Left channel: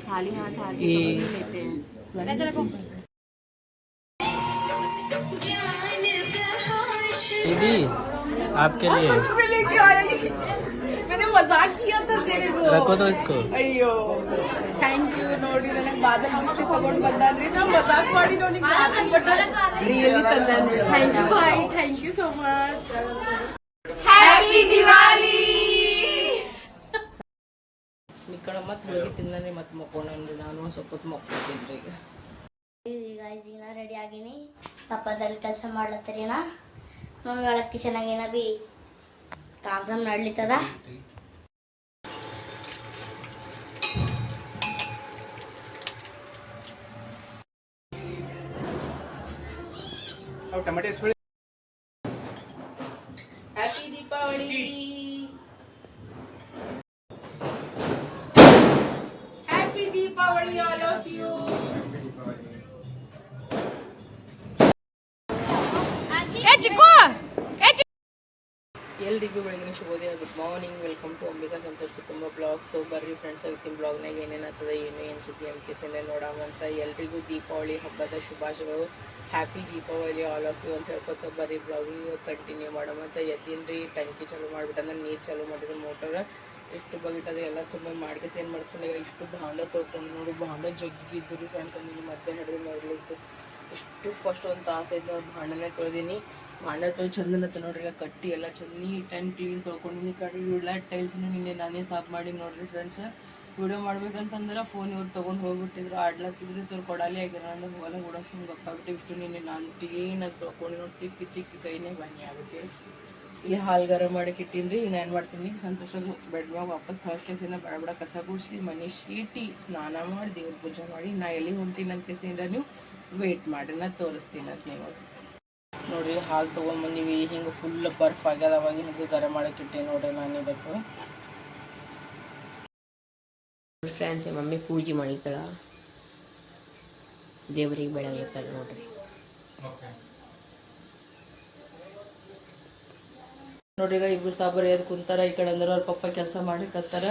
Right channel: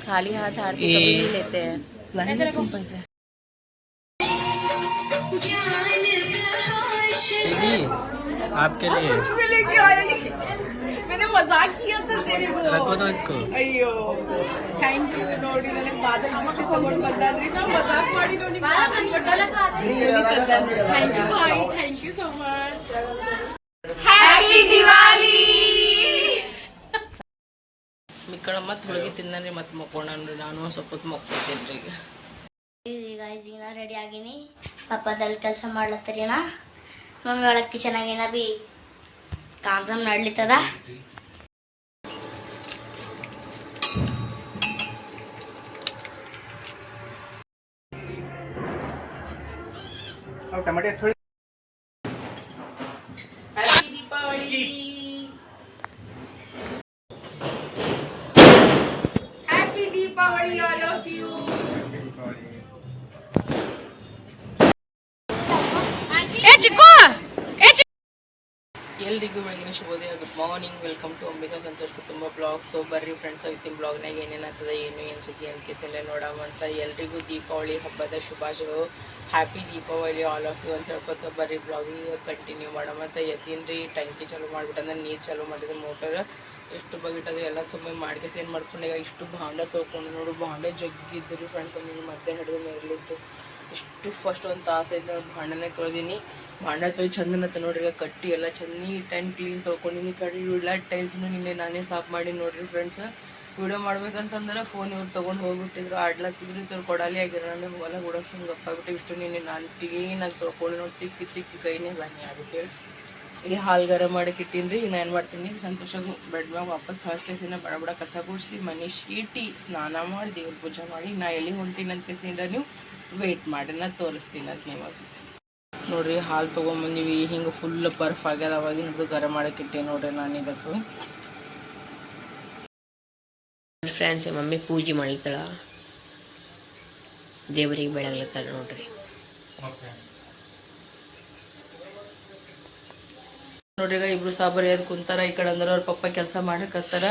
खाली हाथ आरती ये- सब नहीं लेते हैं लाने देते हैं पैसे दीदी आपके लिए में लेके आया ये। मैंने मजाक किया था तेरे को रखो तो इसको ಅಯ್ಯೋ ಥ್ಯಾಂಕ್ ಯು ನೋಡಿ ನನಗೆ ಬಾದಲ್ ಗಿಫ್ಟ್ ತಗೊಂಡ್ ಬಂದಾನ್ರಿ ನಾ ಮಜಾಕ್ ಮಾಡಿ ನೋಡಿ really ತಂದಾನ್ರಿ thank you bye thank you so much happy Diwali ಮಿಕ್ಕಳ ಮತ್ತೆ ಹುಡುಗಿ ತಿಂದಾನೆ ಮತ್ತೆ ಮಕ್ಕೊಂಡ್ರಿ ನಾನು ಸ್ವಲ್ಪ ಹೊತ್ತು ಮಕ್ಕೊತೀನಿ ರೀ ಈಗ ಗಾಯ್ಸ್ ಈಗ ನಾ ರೆಡಿ ಆಗಿನಿ. ಪಪ್ಪದಲ್ಲಿ ಕೆಲಸ ಮಾಡ್ಲತ್ತರಿನ? ಮಮ್ಮಿ ಒಳಕ್ಕೆ ಚೆನ್ನಾಗಿನ ಬಿ ಕಾಂತಮ್ ನಡ್ಲಿತ್ತದ? ಹ್ಯಾಪಿ ಎಲ್ರಿಗೂ ಬೆಳಗಿನ ಶುಭೋದಯ good morning welcome to Ambika Santosh ಕುಟುಂಬ ಬ್ಲಾಗ್ ಸೊ ಬರ್ರಿ ಫ್ರೆಂಡ್ಸ್ ಅವತ್ತಿನ ಬ್ಲಾಗ್ನಾಗ ಏನೇನಾಗ್ತದೆ ಏನು ಏನು ಸುದ್ದಿ ಅನ್ಕಿಸಿಲ್ಲ ನೋಡಾಮಂತ ಎಲ್ರಿಗೂ ದೀಪಾವಳಿ ಹಬ್ಬದ ಶುಭಾಶಯಗಳು. Happy Deepavali all of you ಅಂತ ಹೇಳ್ಕೊತ ಬರ್ರಿ ಬ್ಲಾಗಿಗೆ ಕಂಟಿನ್ಯೂ ಮಾಡಮಂತ ರೀ. ಟಂಕಿ ಚಾಲು ಮಾಡ್ಬಿಟ್ಟಂದ್ರೆ, ನೀರು ಚಾಲೂ ಮಾಡಿದ ಮೋಟರ್ ಎಷ್ಟು ಬಗಿಟ್ಟದು ಎಲ್ಲ ತುಂಬ ಮಾಡ್ಕೇಸಿ ಏನು ಮಾಡ್ಕೊಂಡು, ಈಗ ಇಷ್ಟು ಭಾಂಡ ತೊಳ್ಕೊಂಡು ನೋಡು, ಭಾಂಡ ಜಗ್ಗಿದ್ರು ಫ್ರೆಂಡ್ಸ್ ನೀನು ಮಧ್ಯಾಹ್ನ ಹಿಡಿದು ಮೇಲೆ ಇಷ್ಟು ಫಸ್ಟ್ ಒಂದು ತಾಸು ಐತೆ ನೋಡಿ, ಭಾಂಡನೇ ತೊಳೆದೀನಿ. ಭಾಂಡ ತೊಳೆದು ಚಂದನತ್ತ ನೋಡ್ರಿ ಕಟ್ಟಿ ಎಲ್ಲ ಚಂದ ನೀಟ್ ಆ್ಯಂಡ್ ಕ್ಲೀನ್ ತೊಳ್ಕೊಂಡಿನಿ ಕಡೆ ಇವೆಲ್ಲ ಟೈಲ್ಸ್ನು ನಿನ್ನೆ ನಾನೇ ಸಾಫ್ ಮಾಡಿ ನೋಡ್ರಿ ಫ್ರೆಂಡ್ಸ್ ವಿಡಿಯೋ ಮಾಡ್ಬೇಕಂತಂದ್ರೆ ಫೋನ್ ಇವ್ರು ತೊಗೊಂಡು ಹೋಗ್ಬಿಟ್ಟಿದ್ರು. ಆಡ್ಲತ್ತಿದ್ರು ಇವ್ರು ಕೊಡಲಿ ಆಗಿರೋ ಅಂದ್ರೆ ಹೊಲ ಹುಡಕ್ ಸುಮ್ಮನೆ ಗಪ್ಪಾಗ್ಬಿಟ್ಟು ಇಷ್ಟು ನಿನ್ನೆ ನಾನು ಕ್ಲೀನಾಗಿ ತೊಳ್ಕೊಂಡು ನೋಡಿ, ತಿಕ್ಕಿ ತಿಕ್ಕಿ ಕೈನೇ ಬನ್ನಿ ಆಗ್ಬಿಟ್ಟು ಇಲ್ಲಿ ಹಾಲು ಗರಂ ಮಾಡಕ್ಕೆ ಈಗ ನಾನು ಏನು ಮಾಡ್ತೀನಿ? ಸಂತೋಷ ಬೆಡ್ ಮ್ಯಾಗ ವಾಪಸ್ ಕೇಸಿನ ಬಡ ಬಡ ಕಸ ಗುಡಿಸಿ, ಮನೆ ಶೀಟಿ, ಸ್ನಾನ ಮಾಡಿ, ದೇವ್ರ ಪೂಜೆ ಮಾಡಿ, ನಾ ಎಲ್ಲಿ ಹೊಂಟಿನಂತ ಅಂತ ಕೇಸಿಂದ್ರ ನೀವು ವೆಯ್ಟ್ ಮಾಡಿ. ನಾ ತೋರಿಸ್ತೀನಿ ಅಂತ ನಿಮಗೆ. ನೋಡ್ರಿ ಹಾಲು ತೊಗೊಂಬಂದೀವಿ. ಹಿಂಗೆ ಫುಲ್ ಬರ್ಫ್ ಆಗ್ಯದ ಅವಾಗಿನದು ಗರ ಗರಂ ಮಾಡಕ್ಕೆ ಇಟ್ಟೆ ನೋಡ್ರಿ ನಾನು ಇದಕ್ಕೆ. ಫ್ರೆಂಡ್ಸ್ ಮಮ್ಮಿ ಪೂಜೆ ಮಾಡ್ಲತ್ತಳ. ದೇವರಿಗೆ ಬೆಳಗ್ಲತ್ತಾಳ ನೋಡ್ರಿ. ನೋಡ್ರಿ ಈಗ ಇಬ್ರು ಸಾಬರಿ ಅದ್ ಕುಂತಾರ ಈ ಕಡೆ ಅಂದ್ರೆ ಅವ್ರ ಪಪ್ಪ ಕೆಲಸ ಮಾಡಕತ್ತಾರ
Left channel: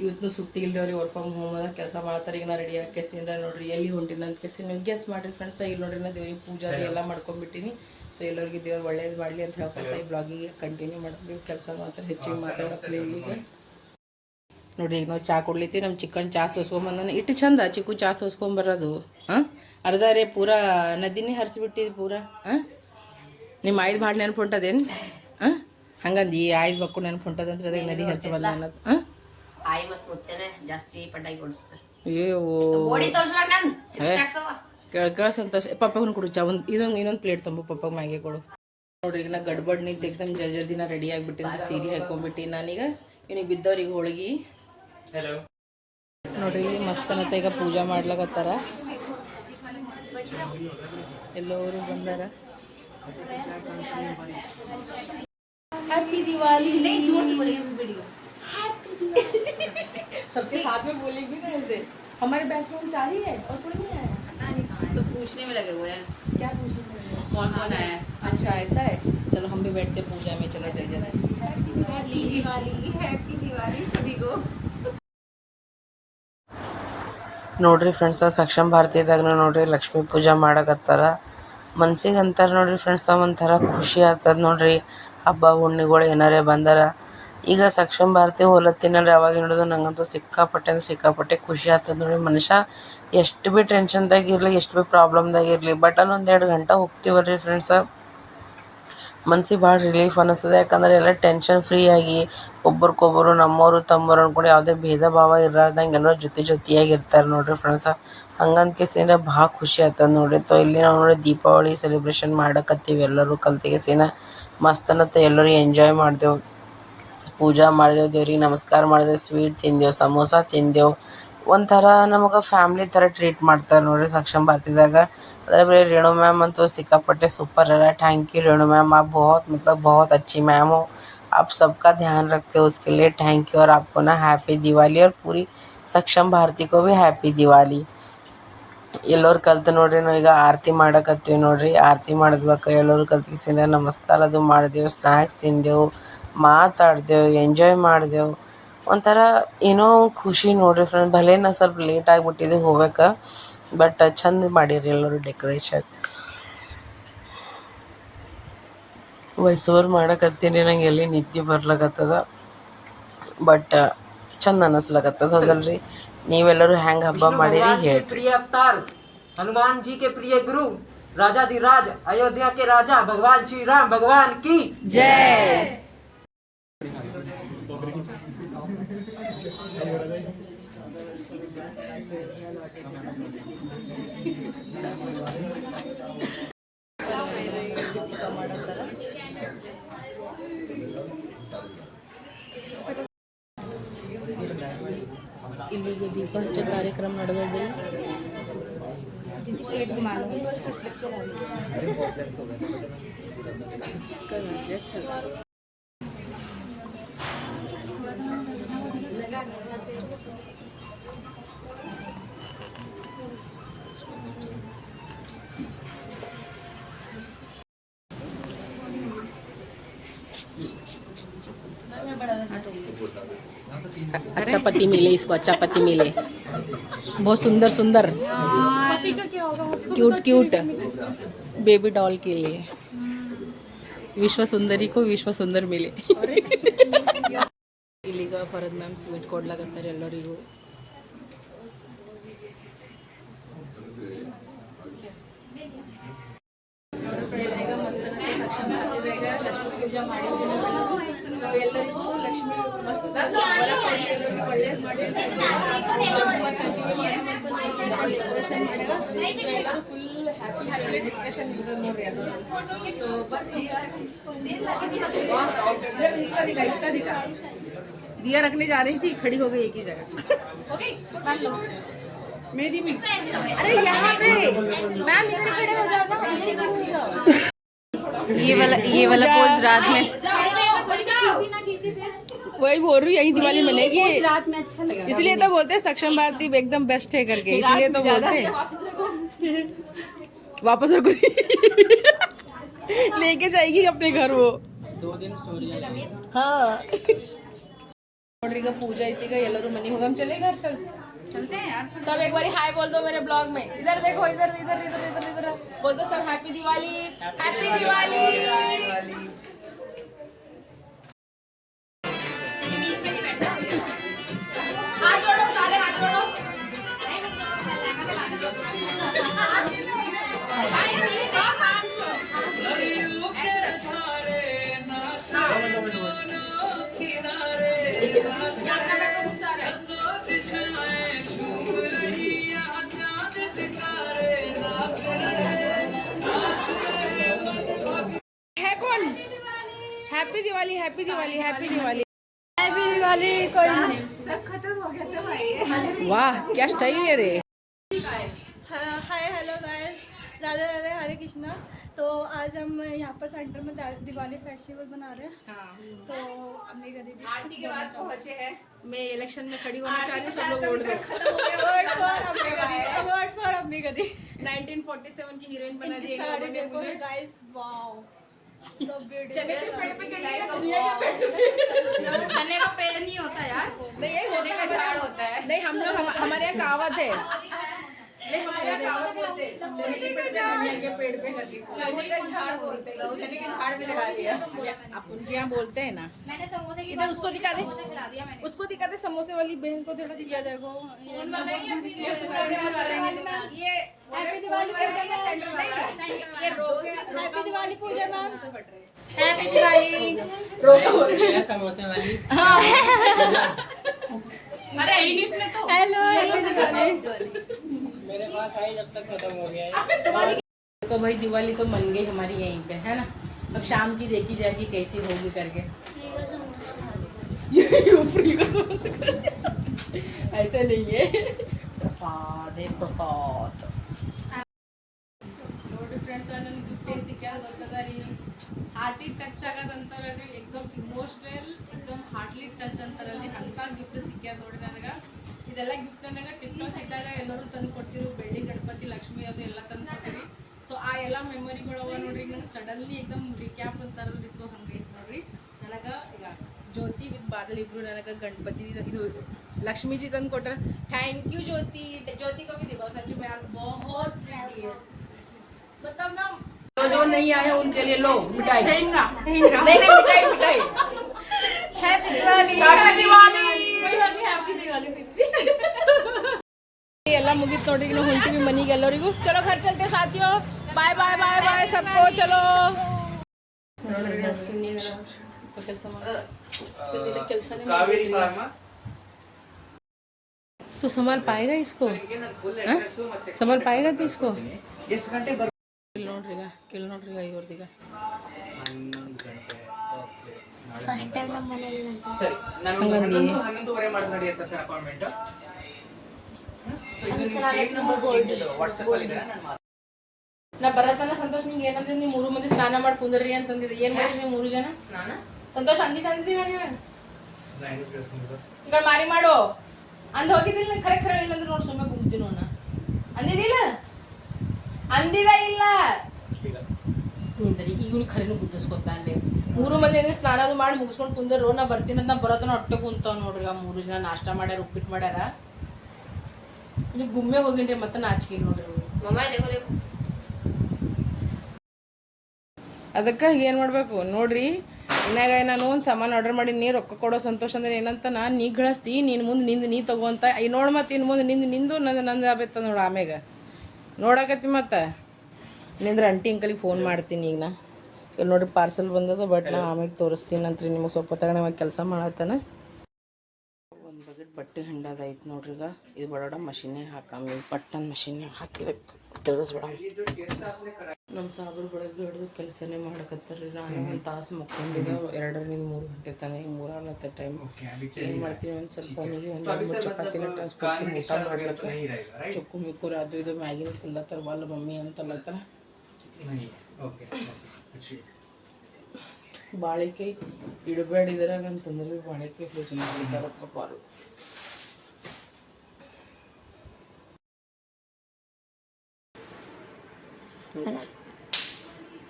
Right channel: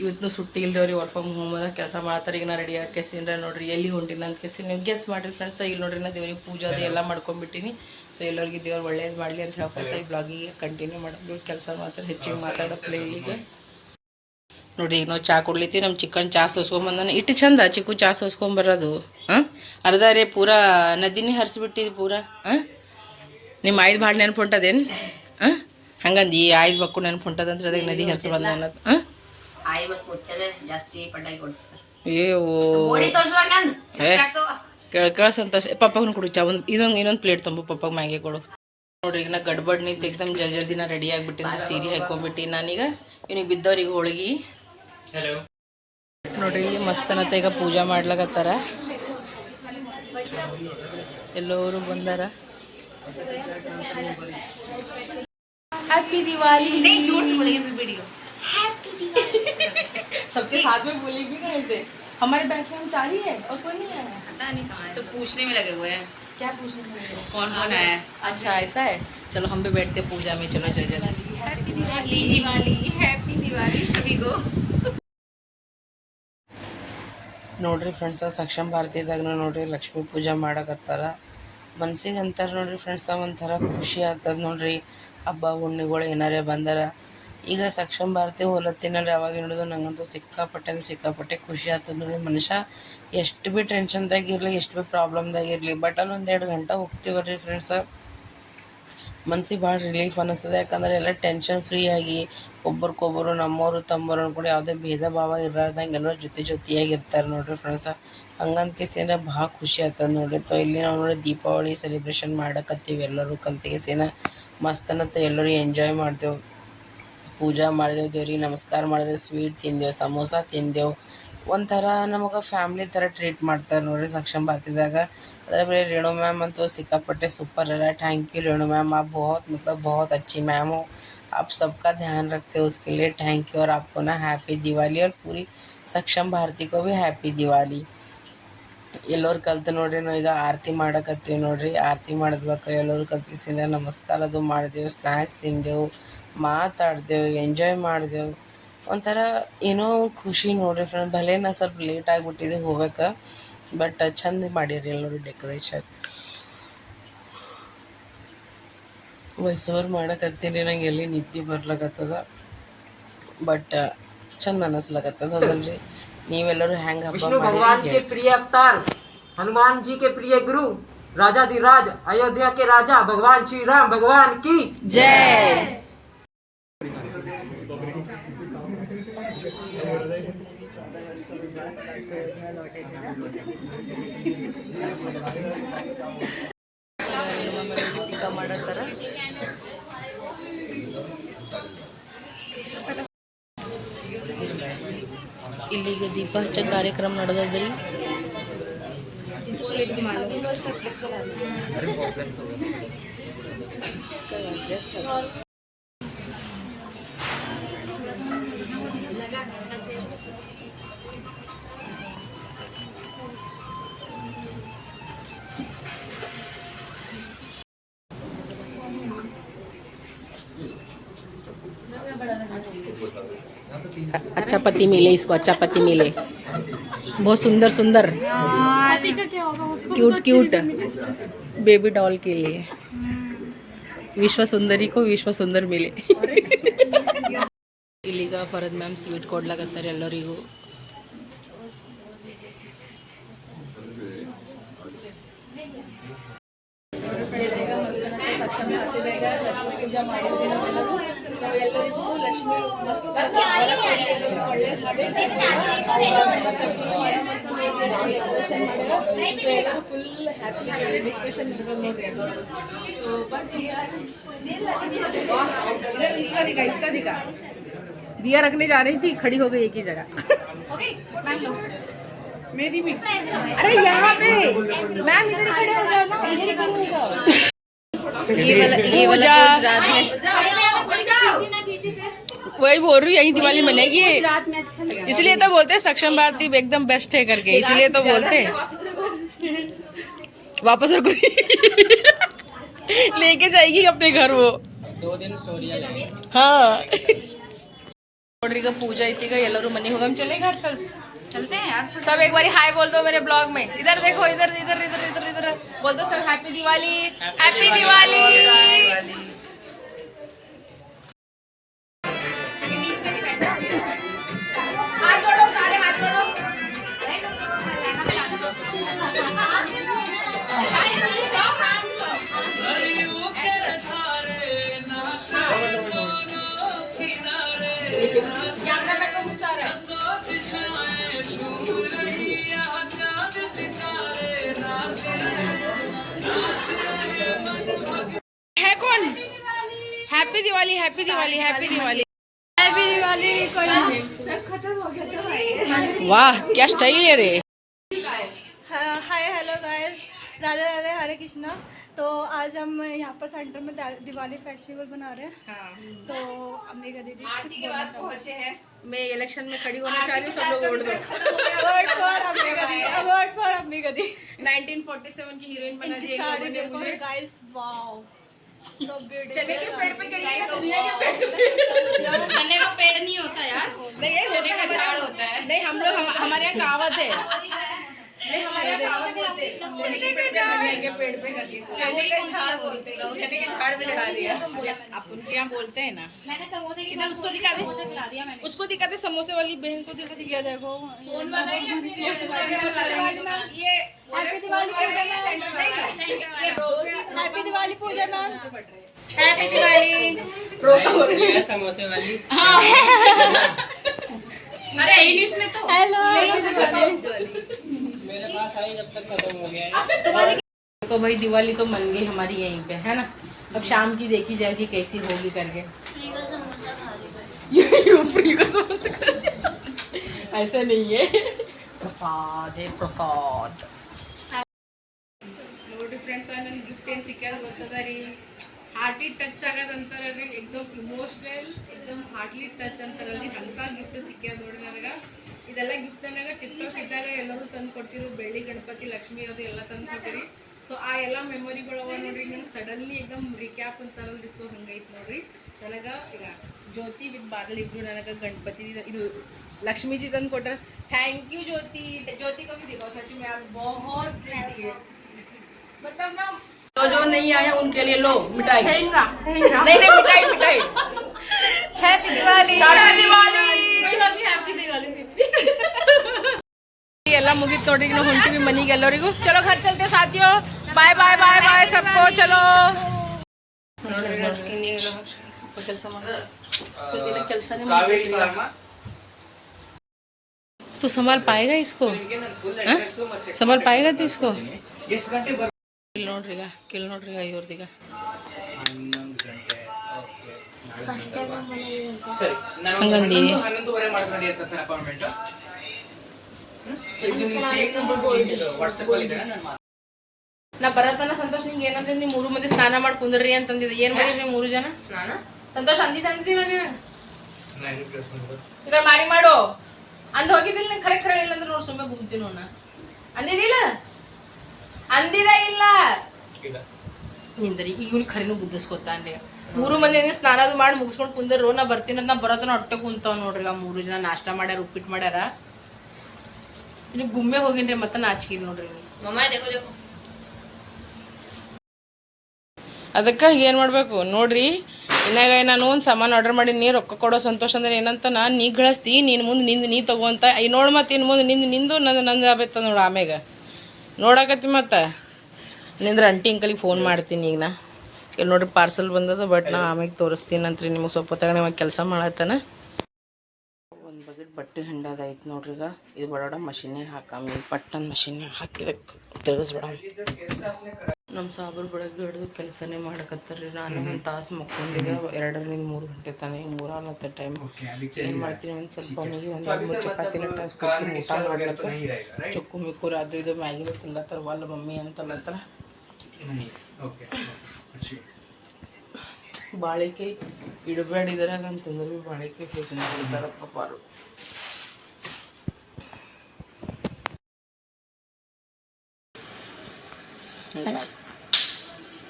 ಇವತ್ತು ಸುಟ್ಟಿ ಇಲ್ರಿ ವರ್ಕ್ ಫ್ರಮ್ ಹೋಮ್ ಅದ, ಕೆಲಸ ಮಾಡ್ತಾರೆ ಈಗ ನಾ ರೆಡಿ ಹಾಕೇಸಿಂದ್ರ ನೋಡ್ರಿ, ಎಲ್ಲಿ ಹೊಂಟಿನ ಅಂತ ಕೇಸಿ. ನೀವು ಗೆಸ್ ಮಾಡಿರಿ ಫ್ರೆಂಡ್ಸ್ ಇಲ್ಲಿ ನೋಡ್ರಿ ನಾ ದೇವ್ರಿಗೆ ಪೂಜೆ ಅದು ಎಲ್ಲ ಮಾಡ್ಕೊಂಡ್ಬಿಟ್ಟಿನಿ ಸೊ ಎಲ್ಲರಿಗೆ ದೇವ್ರು ಒಳ್ಳೇದು ಮಾಡಲಿ ಅಂತ ಹೇಳ್ಕೊತ ಈ ಬ್ಲಾಗಿಗೆ ಕಂಟಿನ್ಯೂ ಮಾಡೋದು. ಕೆಲಸ ಮಾತ್ರ ಹೆಚ್ಚಿಗೆ ಮಾತಾಡಪ್ಲೆ ಇಲ್ಲಿಗೆ ನೋಡಿ ಈಗ ನಾವು ಚಾ ಕೊಡ್ಲಿತ್ತೀವಿ ನಮ್ಮ ಚಿಕನ್ ಚಾ ಸೋಸ್ಕೊಂಬಂದಾನೆ ಇಟ್ಟು ಚಂದ ಚಿಕ್ಕು ಚಾ ಸೋಸ್ಕೊಂಬರೋದು ಹಾಂ? ಅರ್ಧ ರೇ ಪೂರಾ ನದಿನೇ ಹರಿಸ್ಬಿಟ್ಟಿದ್ದು ಪೂರಾ. ಹಾಂ? ನಿಮ್ಮ ಆಯ್ದು ಭಾಳ ನೆನಪು ಹೊಂಟದೇನು? ಹಾಂ? ಹಂಗಂದು ಈ ಆಯ್ದು ಮಕ್ಕಳು ನೆನ್ಪು ಹೊಂಟದಂದ್ರೆ ಅದಕ್ಕೆ ನದಿ ಹರಿಸಿ ಬಂದ ಅನ್ನೋದು. ಹಾಂ? ಆಯಿ ಮತ್ತು ಮುಚ್ಚನೆ ಜಾಸ್ತಿ ಪಟಾಕಿ ಹೊಡಿಸ್ತಾರೆ. ಅಯ್ಯೋ. ಗೋಡಿ ತೋರ್ಸ್ಬೇಡ ನಂದು ಏ. ಕೇಳ ಕೇಳ ಸಂತೋಷ. ಪಪ್ಪಗೂ ಕೊಡು ಚಾ ಒಂದು ಇದೊಂದು ಇನ್ನೊಂದು ಪ್ಲೇಟ್ ತುಂಬ ಪಪ್ಪಗೆ ಮ್ಯಾಗೆ ಕೊಡು. ನೋಡ್ರಿ ಈಗ ನಾ ಗಡ್ಬಡ್ ನಿಂತು ಎಕ್ದಮ್ ಜಲ್ ಜಲ್ದಿನ ರೆಡಿ ಆಗಿಬಿಟ್ಟಿನಿ ಸೀರೆ ಹಾಕೊಂಡ್ಬಿಟ್ಟು ನಾನೀಗ. ಇವನಿಗೆ ಬಿದ್ದವ್ರಿಗೆ ಹೋಳಿಗೆ. ನೋಡ್ರಿ ಇಲ್ಲಿ ಮಸ್ತನತ್ತ ಈಗ ಪೂಜಾ ಮಾಡ್ಲಾಕತ್ತಾರ. ಎಲ್ಲರೂ ಬಂದಾರ. ಹ್ಯಾಪಿ ದಿವಾಲಿ जोर से बोलेंगे अपनी वीडियो सबके साथ में बोली भी ना ऐसे हमारे बैच में हम चार ही है और कोई नहीं आया पता नहीं कहाँ सब पूछने में लगे हुए हैं क्या पूछने के लिए? कौन कौन आया है अच्छा ऐसा है चलो हम भी बैठते पूजा में चलो जल जल्दी हैप्पी दिवाली दिवाली हैप्पी दिवाली सभी को ನೋಡ್ರಿ ಫ್ರೆಂಡ್ಸ ಸಕ್ಷಮ ಭಾರತೀಯದಾಗ ನೋಡ್ರಿ ಲಕ್ಷ್ಮೀ ಪೂಜಾ ಮಾಡಕತ್ತಾರ ಮನ್ಸಿಗೆ ಅಂತಾರ ನೋಡ್ರಿ ಫ್ರೆಂಡ್ಸ ಒಂಥರ ಖುಷಿ ಆಗ್ತದ ನೋಡ್ರಿ ಹಬ್ಬ ಹುಣ್ಣಿಗಳು ಏನಾರೇ ಬಂದಾರ ಈಗ ಸಕ್ಷಮ ಭಾರತಿ ಹೋಲತ್ತಿನಲ್ರಿ ಅವಾಗ ನೋಡಿದ್ರು ನಂಗಂತೂ ಸಿಕ್ಕಾಪಟ್ಟೆ ಅಂದ್ರೆ ಸಿಕ್ಕಾಪಟ್ಟೆ ಖುಷಿ ಆಗ್ತದೆ ನೋಡಿ ಮನುಷ್ಯ ಎಷ್ಟು ಭೀ ಟೆನ್ಷನ್ದಾಗ ಇರಲಿ, ಎಷ್ಟು ಭೀ ಪ್ರಾಬ್ಲಮ್ದಾಗ ಇರಲಿ ಬಟ್ ಅಲ್ಲಿ ಒಂದು ಎರಡು ಗಂಟೆ ಹೋಗ್ತೀವಲ್ರಿ ಫ್ರೆಂಡ್ಸ ಮನ್ಸಿಗೆ ಭಾಳ ರಿಲೀಫ್ ಅನ್ನಿಸ್ತದೆ ಯಾಕಂದ್ರೆ ಎಲ್ಲ ಟೆನ್ಷನ್ ಫ್ರೀ ಆಗಿ ಒಬ್ಬರಿಗೊಬ್ಬರು ನಮ್ಮವರು ತಮ್ಮವರು ಅನ್ಕೊಂಡು ಯಾವುದೇ ಭೇದ ಭಾವ ಇರಲಾರ್ದಂಗೆ ಎಲ್ಲರೂ ಜೊತೆ ಜೊತೆಯಾಗಿ ಇರ್ತಾರೆ ನೋಡ್ರಿ ಫ್ರೆಂಡ್ಸ ಹಂಗಂತ ಕೇಸಿನ ಭಾಳ ಖುಷಿ ಆಗ್ತದೆ ನೋಡ್ರಿ. ತೊ ಇಲ್ಲಿ ನಾವು ನೋಡಿ ದೀಪಾವಳಿ ಸೆಲೆಬ್ರೇಷನ್ ಮಾಡಕತ್ತೀವಿ ಎಲ್ಲರೂ ಕಲ್ತಿಗೆ ಸೇನ. ಮಸ್ತನತ್ತ ಎಲ್ಲರೂ ಎಂಜಾಯ್ ಮಾಡ್ದೆವು ಪೂಜೆ ಮಾಡಿದೆವು ದೇವ್ರಿಗೆ ನಮಸ್ಕಾರ ಮಾಡಿದೆವು ಸ್ವೀಟ್ ತಿಂದೆವು ಸಮೋಸ ತಿಂದೆವು ಒಂಥರ ನಮಗೆ ಫ್ಯಾಮ್ಲಿ ಥರ ಟ್ರೀಟ್ ಮಾಡ್ತಾರೆ ನೋಡಿರಿ ಸಕ್ಷಮ ಭಾರತಿದಾಗ ಅದರ ಬೇರೆ ರೇಣು ಮ್ಯಾಮ್ ಅಂತೂ ಸಿಕ್ಕಾಪಟ್ಟೆ ಸೂಪರ್ ಅರ ಥ್ಯಾಂಕ್ ಯು ರೇಣು मैम आप बहुत मतलब बहुत अच्छी मैम हो आप सबका ध्यान रखते हो उसके लिए थैंक यू और आपको ना हैप्पी दिवाली और पूरी ಸಕ್ಷಮ ಭಾರತಿ ಕೋ ಬಿ ಹ್ಯಾಪಿ ದಿವಾಲಿ ಎಲ್ಲರೂ ಕಲ್ತು ನೋಡ್ರಿ ನಾವೀಗ ಆರತಿ ಮಾಡಕತ್ತೀವಿ ನೋಡ್ರಿ ಆರತಿ ಮಾಡಿದ್ಬೇಕು ಎಲ್ಲರೂ ಕಲ್ತಿಸಿನ ನಮಸ್ಕಾರ ಅದು ಮಾಡಿದೆವು ಸ್ನ್ಯಾಕ್ಸ್ ತಿಂದೆವು ಮಾತಾಡ್ದೆವು ಎಂಜಾಯ್ ಮಾಡಿದೆವು ಒಂಥರ ಏನೋ ಖುಷಿ ನೋಡ್ರಿ ಫ್ರೆಂಡ್ ಭಲೆ ನಾ ಸ್ವಲ್ಪ ಲೇಟ್ ಆಗಿಬಿಟ್ಟಿದೆ ಹೋಗಕ್ಕೆ ಬಟ್ ಚಂದ ಮಾಡಿರಿ ಎಲ್ಲರೂ ಡೆಕೋರೇಷನ್ ವಯಸ್ಸೋರು ಮಾಡಕತ್ತೀನಿ ನಂಗೆ ಎಲ್ಲಿ ನಿದ್ದೆ ಬರ್ಲಕತ್ತದ ಬಟ್ ಚಂದ ಅನ್ನಿಸ್ಲಕತ್ತದ ಹೌದಲ್ರಿ ನೀವೆಲ್ಲರೂ ಹೆಂಗೆ ಹಬ್ಬ विष्णु ಮಾಡಿರಿ भगवान के ಹೇಳಿ प्रिय अवतार हनुमान जी के प्रिय गुरु राजाधिराज अयोध्या के राजा भगवान श्री राम भगवान की ಇಲ್ಲಿಗ ದೀಪ ಹಚ್ಚ ಕಾರ್ಯಕ್ರಮ ನಡೆದದ್ರಿ अच्छा पति मिले इसको अच्छा पति मिले बहुत सुंदर सुंदर क्यूट क्यूट बेबी डॉल के लिए विश्व सुंदरी को विश्व सुंदर मिले ಇಲ್ಲಿಗ ಫರದ್ ಮ್ಯಾಮ್ ಸ್ವೀಟ್ ಕೊಡ್ಲಾಕತ್ತಾರೆ ಎಲ್ಲರಿಗೂ इसका दिखा इसका दिखा। दिया रखने जा रही थी खड़ी हो गई एक ही जगह। मेरी भी। अरे यहाँ पे। मैम इधर खड़े हो जाओ ना ये वाला तो वही बोल रही यही दिवाली मनेगी। अच्छा इसलिए तो बोलते हैं सक्षम भारती एकदम बेस्ट है करके। इसलिए तो बोलते हैं। वापस रखो लेके जाएगी अपने घर वो। दो दिन हाँ। का पूजा इतनी का येलो रूम मनी होगा। हम चले घर? सर चलते हैं यार। सब एक बारी हाय बोल दो मेरे ब्लॉग में। इधर देखो इधर इधर इधर इधर इधर। बोल दो sir happy Diwali. Happy Diwali. हाँ, I. Happy Diwali happy Diwali happy Diwali happy Diwali कोई नहीं सब खत्म हो गया था भाई। वाह क्या स्टाइल है रे। राधे राधे हरे कृष्णा। तो आज हम यहाँ पर सेंटर में दिवाली फेस्टिवल बना रहे हैं। हाँ। तो अम्बिका दीदी कुछ बोलना चाहो मैं इलेक्शन में खड़ी होना चाह रही हूँ सब लोग वोट दो। Word for Ambika di word for Ambika di 1947 की हीरोइन बना दी साड़ी देखो गाइस वाओ सो चने के पेड़ पे चढ़िएगा तो दुनिया के पेड़ पे? चने का पेड़ नहीं होता यार। नहीं ये चने का झाड़ होता है। नहीं हम लोग हमारे यहाँ कहावत है। नहीं हमारे यहाँ बोलते चने के पेड़ पे दुनिया के पेड़ पे करके चने के झाड़ बोलते चने के झाड़ पे लगा दिया। आप उनके यहाँ बोलते हैं ना। इधर उसको दिखा दे। उसको दिखा दे समोसे वाली बहन को दिखा दे। ये देखो। ये happy Diwali happy Diwali Puja ma'am happy Diwali रोका हो रही। है समोसे वाली। अरे इंग्लिश में तो। हेलो मेरे पास आई जब तक खत्म हो गया है तो भाई दिवाली तो मन गई हमारी यहीं पे है ना अब शाम की देखी जाएगी कैसी होगी करके ये ये फ्री का समोसा खा- ऐसा नहीं है प्रसाद है प्रसाद ನೋಡಿ ಫ್ರೆಂಡ್ಸ್ ನನಗೆ ಗಿಫ್ಟ್ ಏನು ಸಿಕ್ಕ್ಯಾದ ಗೊತ್ತದ ರೀ ಹಾರ್ಟಿ ಟಚ್ ಆಗೋದಂತಾರ ರೀ ಎಕ್ದಮ್ ಇಮೋಷ್ನಲ್ ಎಕ್ದಮ್ ಹಾರ್ಟ್ಲಿ ಟಚ್ ಅಂತಾರಲ್ರಿ ಅಂಥ ಗಿಫ್ಟ್ ಸಿಕ್ಕ್ಯಾದ ನೋಡಿ ನನಗೆ ಇದೆಲ್ಲ ಗಿಫ್ಟ್ ನನಗೆ ಟಿಕ್ಟಾಕ್ ಇದ್ದಾಗ ಎಲ್ಲರೂ ತಂದು ಕೊಟ್ಟಿರು ಬೆಳ್ಳಿ ಗಣಪತಿ ಲಕ್ಷ್ಮಿ ಅದು ಎಲ್ಲ ತಂದು ಕೊಟ್ಟಿರಿ ಸೊ ಸೊ ಆ ಎಲ್ಲ ಮೆಮೊರಿಗಳು ಅವ ನೋಡ್ರಿ ನಂಗೆ ಸಡನ್ಲಿ ಏಕದಮ್ ರಿಕ್ಯಾಪ್ ಅಂತಾರಲ್ರಿ ಸೊ ಹಂಗೈತೆ ನೋಡ್ರಿ ನನಗೆ ಈಗ ಜ್ಯೋತಿ ವಿತ್ ಬಾದಲ್ ಇಬ್ರು ನನಗೆ ಗಣಪತಿ ಇದು ಲಕ್ಷ್ಮೀಜಿ ತಂದು ಕೊಟ್ರ ಥ್ಯಾಂಕ್ ಯು ಜ್ಯೋತಿ ज्योति को भी दिखाओ सच में यार बहुत प्रीति है मतलब ना जो जो नहीं आया उनके लिए लो मिठाई नहीं नहीं मिठाई मिठाई happy Diwali happy Diwali happy Diwali ಎಲ್ಲ ಮುಗೀತು ನೋಡ್ರಿ ಈಗ ನಾವು ಹೊಂಟಿವಿ ಮನಿಗೆ ಎಲ್ಲರಿಗೂ ಚಲೋ घर चलते साथियों ಬಾಯ್ ಬಾಯ್ ಬಾಯ್ ಬಾಯ್ सबको ಚಲೋ ಕೆಲಸ ಕೆಲಸನೇ तू संभाल पाएगा इसको हाँ? संभाल पाएगा तू इसको ಎಷ್ಟು ಗಂಟೆ ಬರ್ ಇಲ್ಲಿ ನೋಡ್ರಿ ಸರಿ ಹಂಗಂದಿ? ಹನ್ನೊಂದುವರೆ ಮಾಡ್ಕೊಂಡು ಸರ್ ಅಪಾಯಿಂಟ್ಮೆಂಟ್ ನಾ ಬರತನ ಸಂತೋಷ್ ನಿಂಗೆ ಏನಂದ್ರೆ ನೀವು ಮೂರು ಮಂದಿ ಸ್ನಾನ ಮಾಡಿ ಕುಂದ್ರಿ ಅಂತಂದಿದ್ದೆ. ಏನ್ ಮಾಡಿ ನೀವು ಮೂರು ಜನ? ಸ್ನಾನ? ಸಂತೋಷ್ ಅಂದಿದ್ದ ಅಂದಿದ್ದೀರ. ಈಗ ಮಾರಿ ಮಾಡು. ಅಂದ್ ಹೋಗಿದ್ದಿಲ್ಲ ನಂಗೆ ಖರೆ ಖರೆ ಇಲ್ಲ ಅಂದ್ರೆ ನೋಡಿ ಸುಮ್ಮನೆ ಗುಮ್ತೀನಿ ನೋಡ ಅಂದಿದ್ದಿಲ್ಲ? ಅಂದಿದ ಇಲ್ಲ. ಇಲ್ಲ. ನಿಂದ್ರಿ ಈಗ ಇವ್ನಿಗೆ ಖರೇನು ಬುದ್ಧಿಸ್ಕೊತಾನ್ರಿ ಮೂರು ಮಂದಿ ಹಂಗೆ ಸ್ನಾನ ಅದು ಮಾಡಿ ಮುಗಿಸ್ಕೊಂಡು ರೋ ನಾ ಬರ್ತೀನಿ ಅಂತ ನಾ ಬರೋತನ ಹೊಟ್ಟೆ ಕುಂತಾವ್ ನೋಡ್ರಿ. ಆ ಮೂರು ಜನ ನಾಷ್ಟ ಮಾಡ್ಯಾರ ಉಪ್ಪಿಟ್ಟು ಮಾಡ್ಯಾರ. ನೀವು ಗುಮ್ಮೆ ಹೋಗಿನ್ರಿ ಮತ್ತೆ ನಾಚಿಕೆ ನೋಡ್ರಿ ಅದಕ್ಕೆ ಏನು ಮಾಡಬೇಕು? ನೋಡ್ರಿ ಇನ್ನಾಗ ನಾನು ಒಂದು ಸಾಮಾನು ಆರ್ಡರ್ ಮಾಡಿ ನೀ ರೊಕ್ಕ ಕೊಡೋ ಸಂತೋಷ ಅಂದ್ರೆ ಏನಂತ ನಾ ನೀ ಗಳಿಸ್ತಿ ನೀನು ಮುಂದೆ ನಿಂದು ನೀ ತಗೋಂತ ಐ ನೋಡಿ ಮತ್ತೆ ಇನ್ನು ಮುಂದೆ ನಿಂದು ನಿಂದು ನಂದು ನಂದು ಆಬೇತ ನೋಡು ಆಮ್ಯಾಗ. ನೋಡಕತ್ತಿ ಮತ್ತೆ. ನಿಂದ್ರೆ ಅಂಟಿ ಅಂಕಲಿಗೆ ಫೋನ್ ಮಾಡ್ತೀನಿ ಈಗ ನಾ. ಇಲ್ಲಿ ನೋಡ್ರಿ ಪಾರ್ಸಲ್ ಬಂದದ ಬಟ್ ನಾ ಆಮೇಲೆ ತೋರಿಸ್ತೀನಿ ಅಂತ್ರಿ ನಿಮಗೆ ಸ್ವಲ್ಪ ಹೊತ್ತಾಗ ಕೆಲಸ ಮಾಡತ್ತಾನ. ಒಂದು ಬಗೆ ಬಟ್ಟೆ ಹಂಡದೈತೆ ನೋಡ್ರಿ ಈಗ. ಇದು ಬಡೋಡ ಮಷಿನೇ ಹಾಕಾಮ ಪಟ್ಟನ್ ಮಷಿನ್ಯಾಗ ಹಾಕಿದಕ್ಕೆ ತಿಳಿಸ್ಬೇಡ ನಮ್ಮ ಸಾಬ್ರು ಬೆಳಗ್ಗೆ ಹಿಡಿದು ಕೆಲಸನೇ ಮಾಡಕತ್ತಾರ್ರಿ ನಾನು ಒಂದು ತಾಸು ಮಕ್ಕೊಂಡಿದ್ದೆ ಎರಡರಿಂದ ಮೂರು ಗಂಟೆ ತಾನೆ ಈಗ ಮೂರಾಲತ್ತ ಟೈಮ್ ಏನು ಮಾಡ್ತೀನಿ ಒಂದು ಸ್ವಲ್ಪ ಅವನಿಗೆ ಒಂದು ಎರಡು ಮೂರು ಚಪಾತಿನ ಟಾಸ್ ಕೊಡ್ತೀನಿ ಊಟ ಮಾಡ್ಲಕ್ಕ. ಚೊಕ್ಕು ಮಿಕ್ಕೂರು ಅದು ಇದು ಮ್ಯಾಗಿನ ತಿನ್ಲತ್ತಾರ ವಲ್ಲ ಮಮ್ಮಿ ಅಂತಲ್ಲತ್ತಾರ ಬಾಳಿಕೆ ಇಡಬೇಡ ಇದ್ರಾಗ ಅಂತಂದ್ರೆ ಬಾಳಿಕೆ ಯೋಚನೆ ಕೊಡ್ತಾರಪ್ಪ ಪಾರು.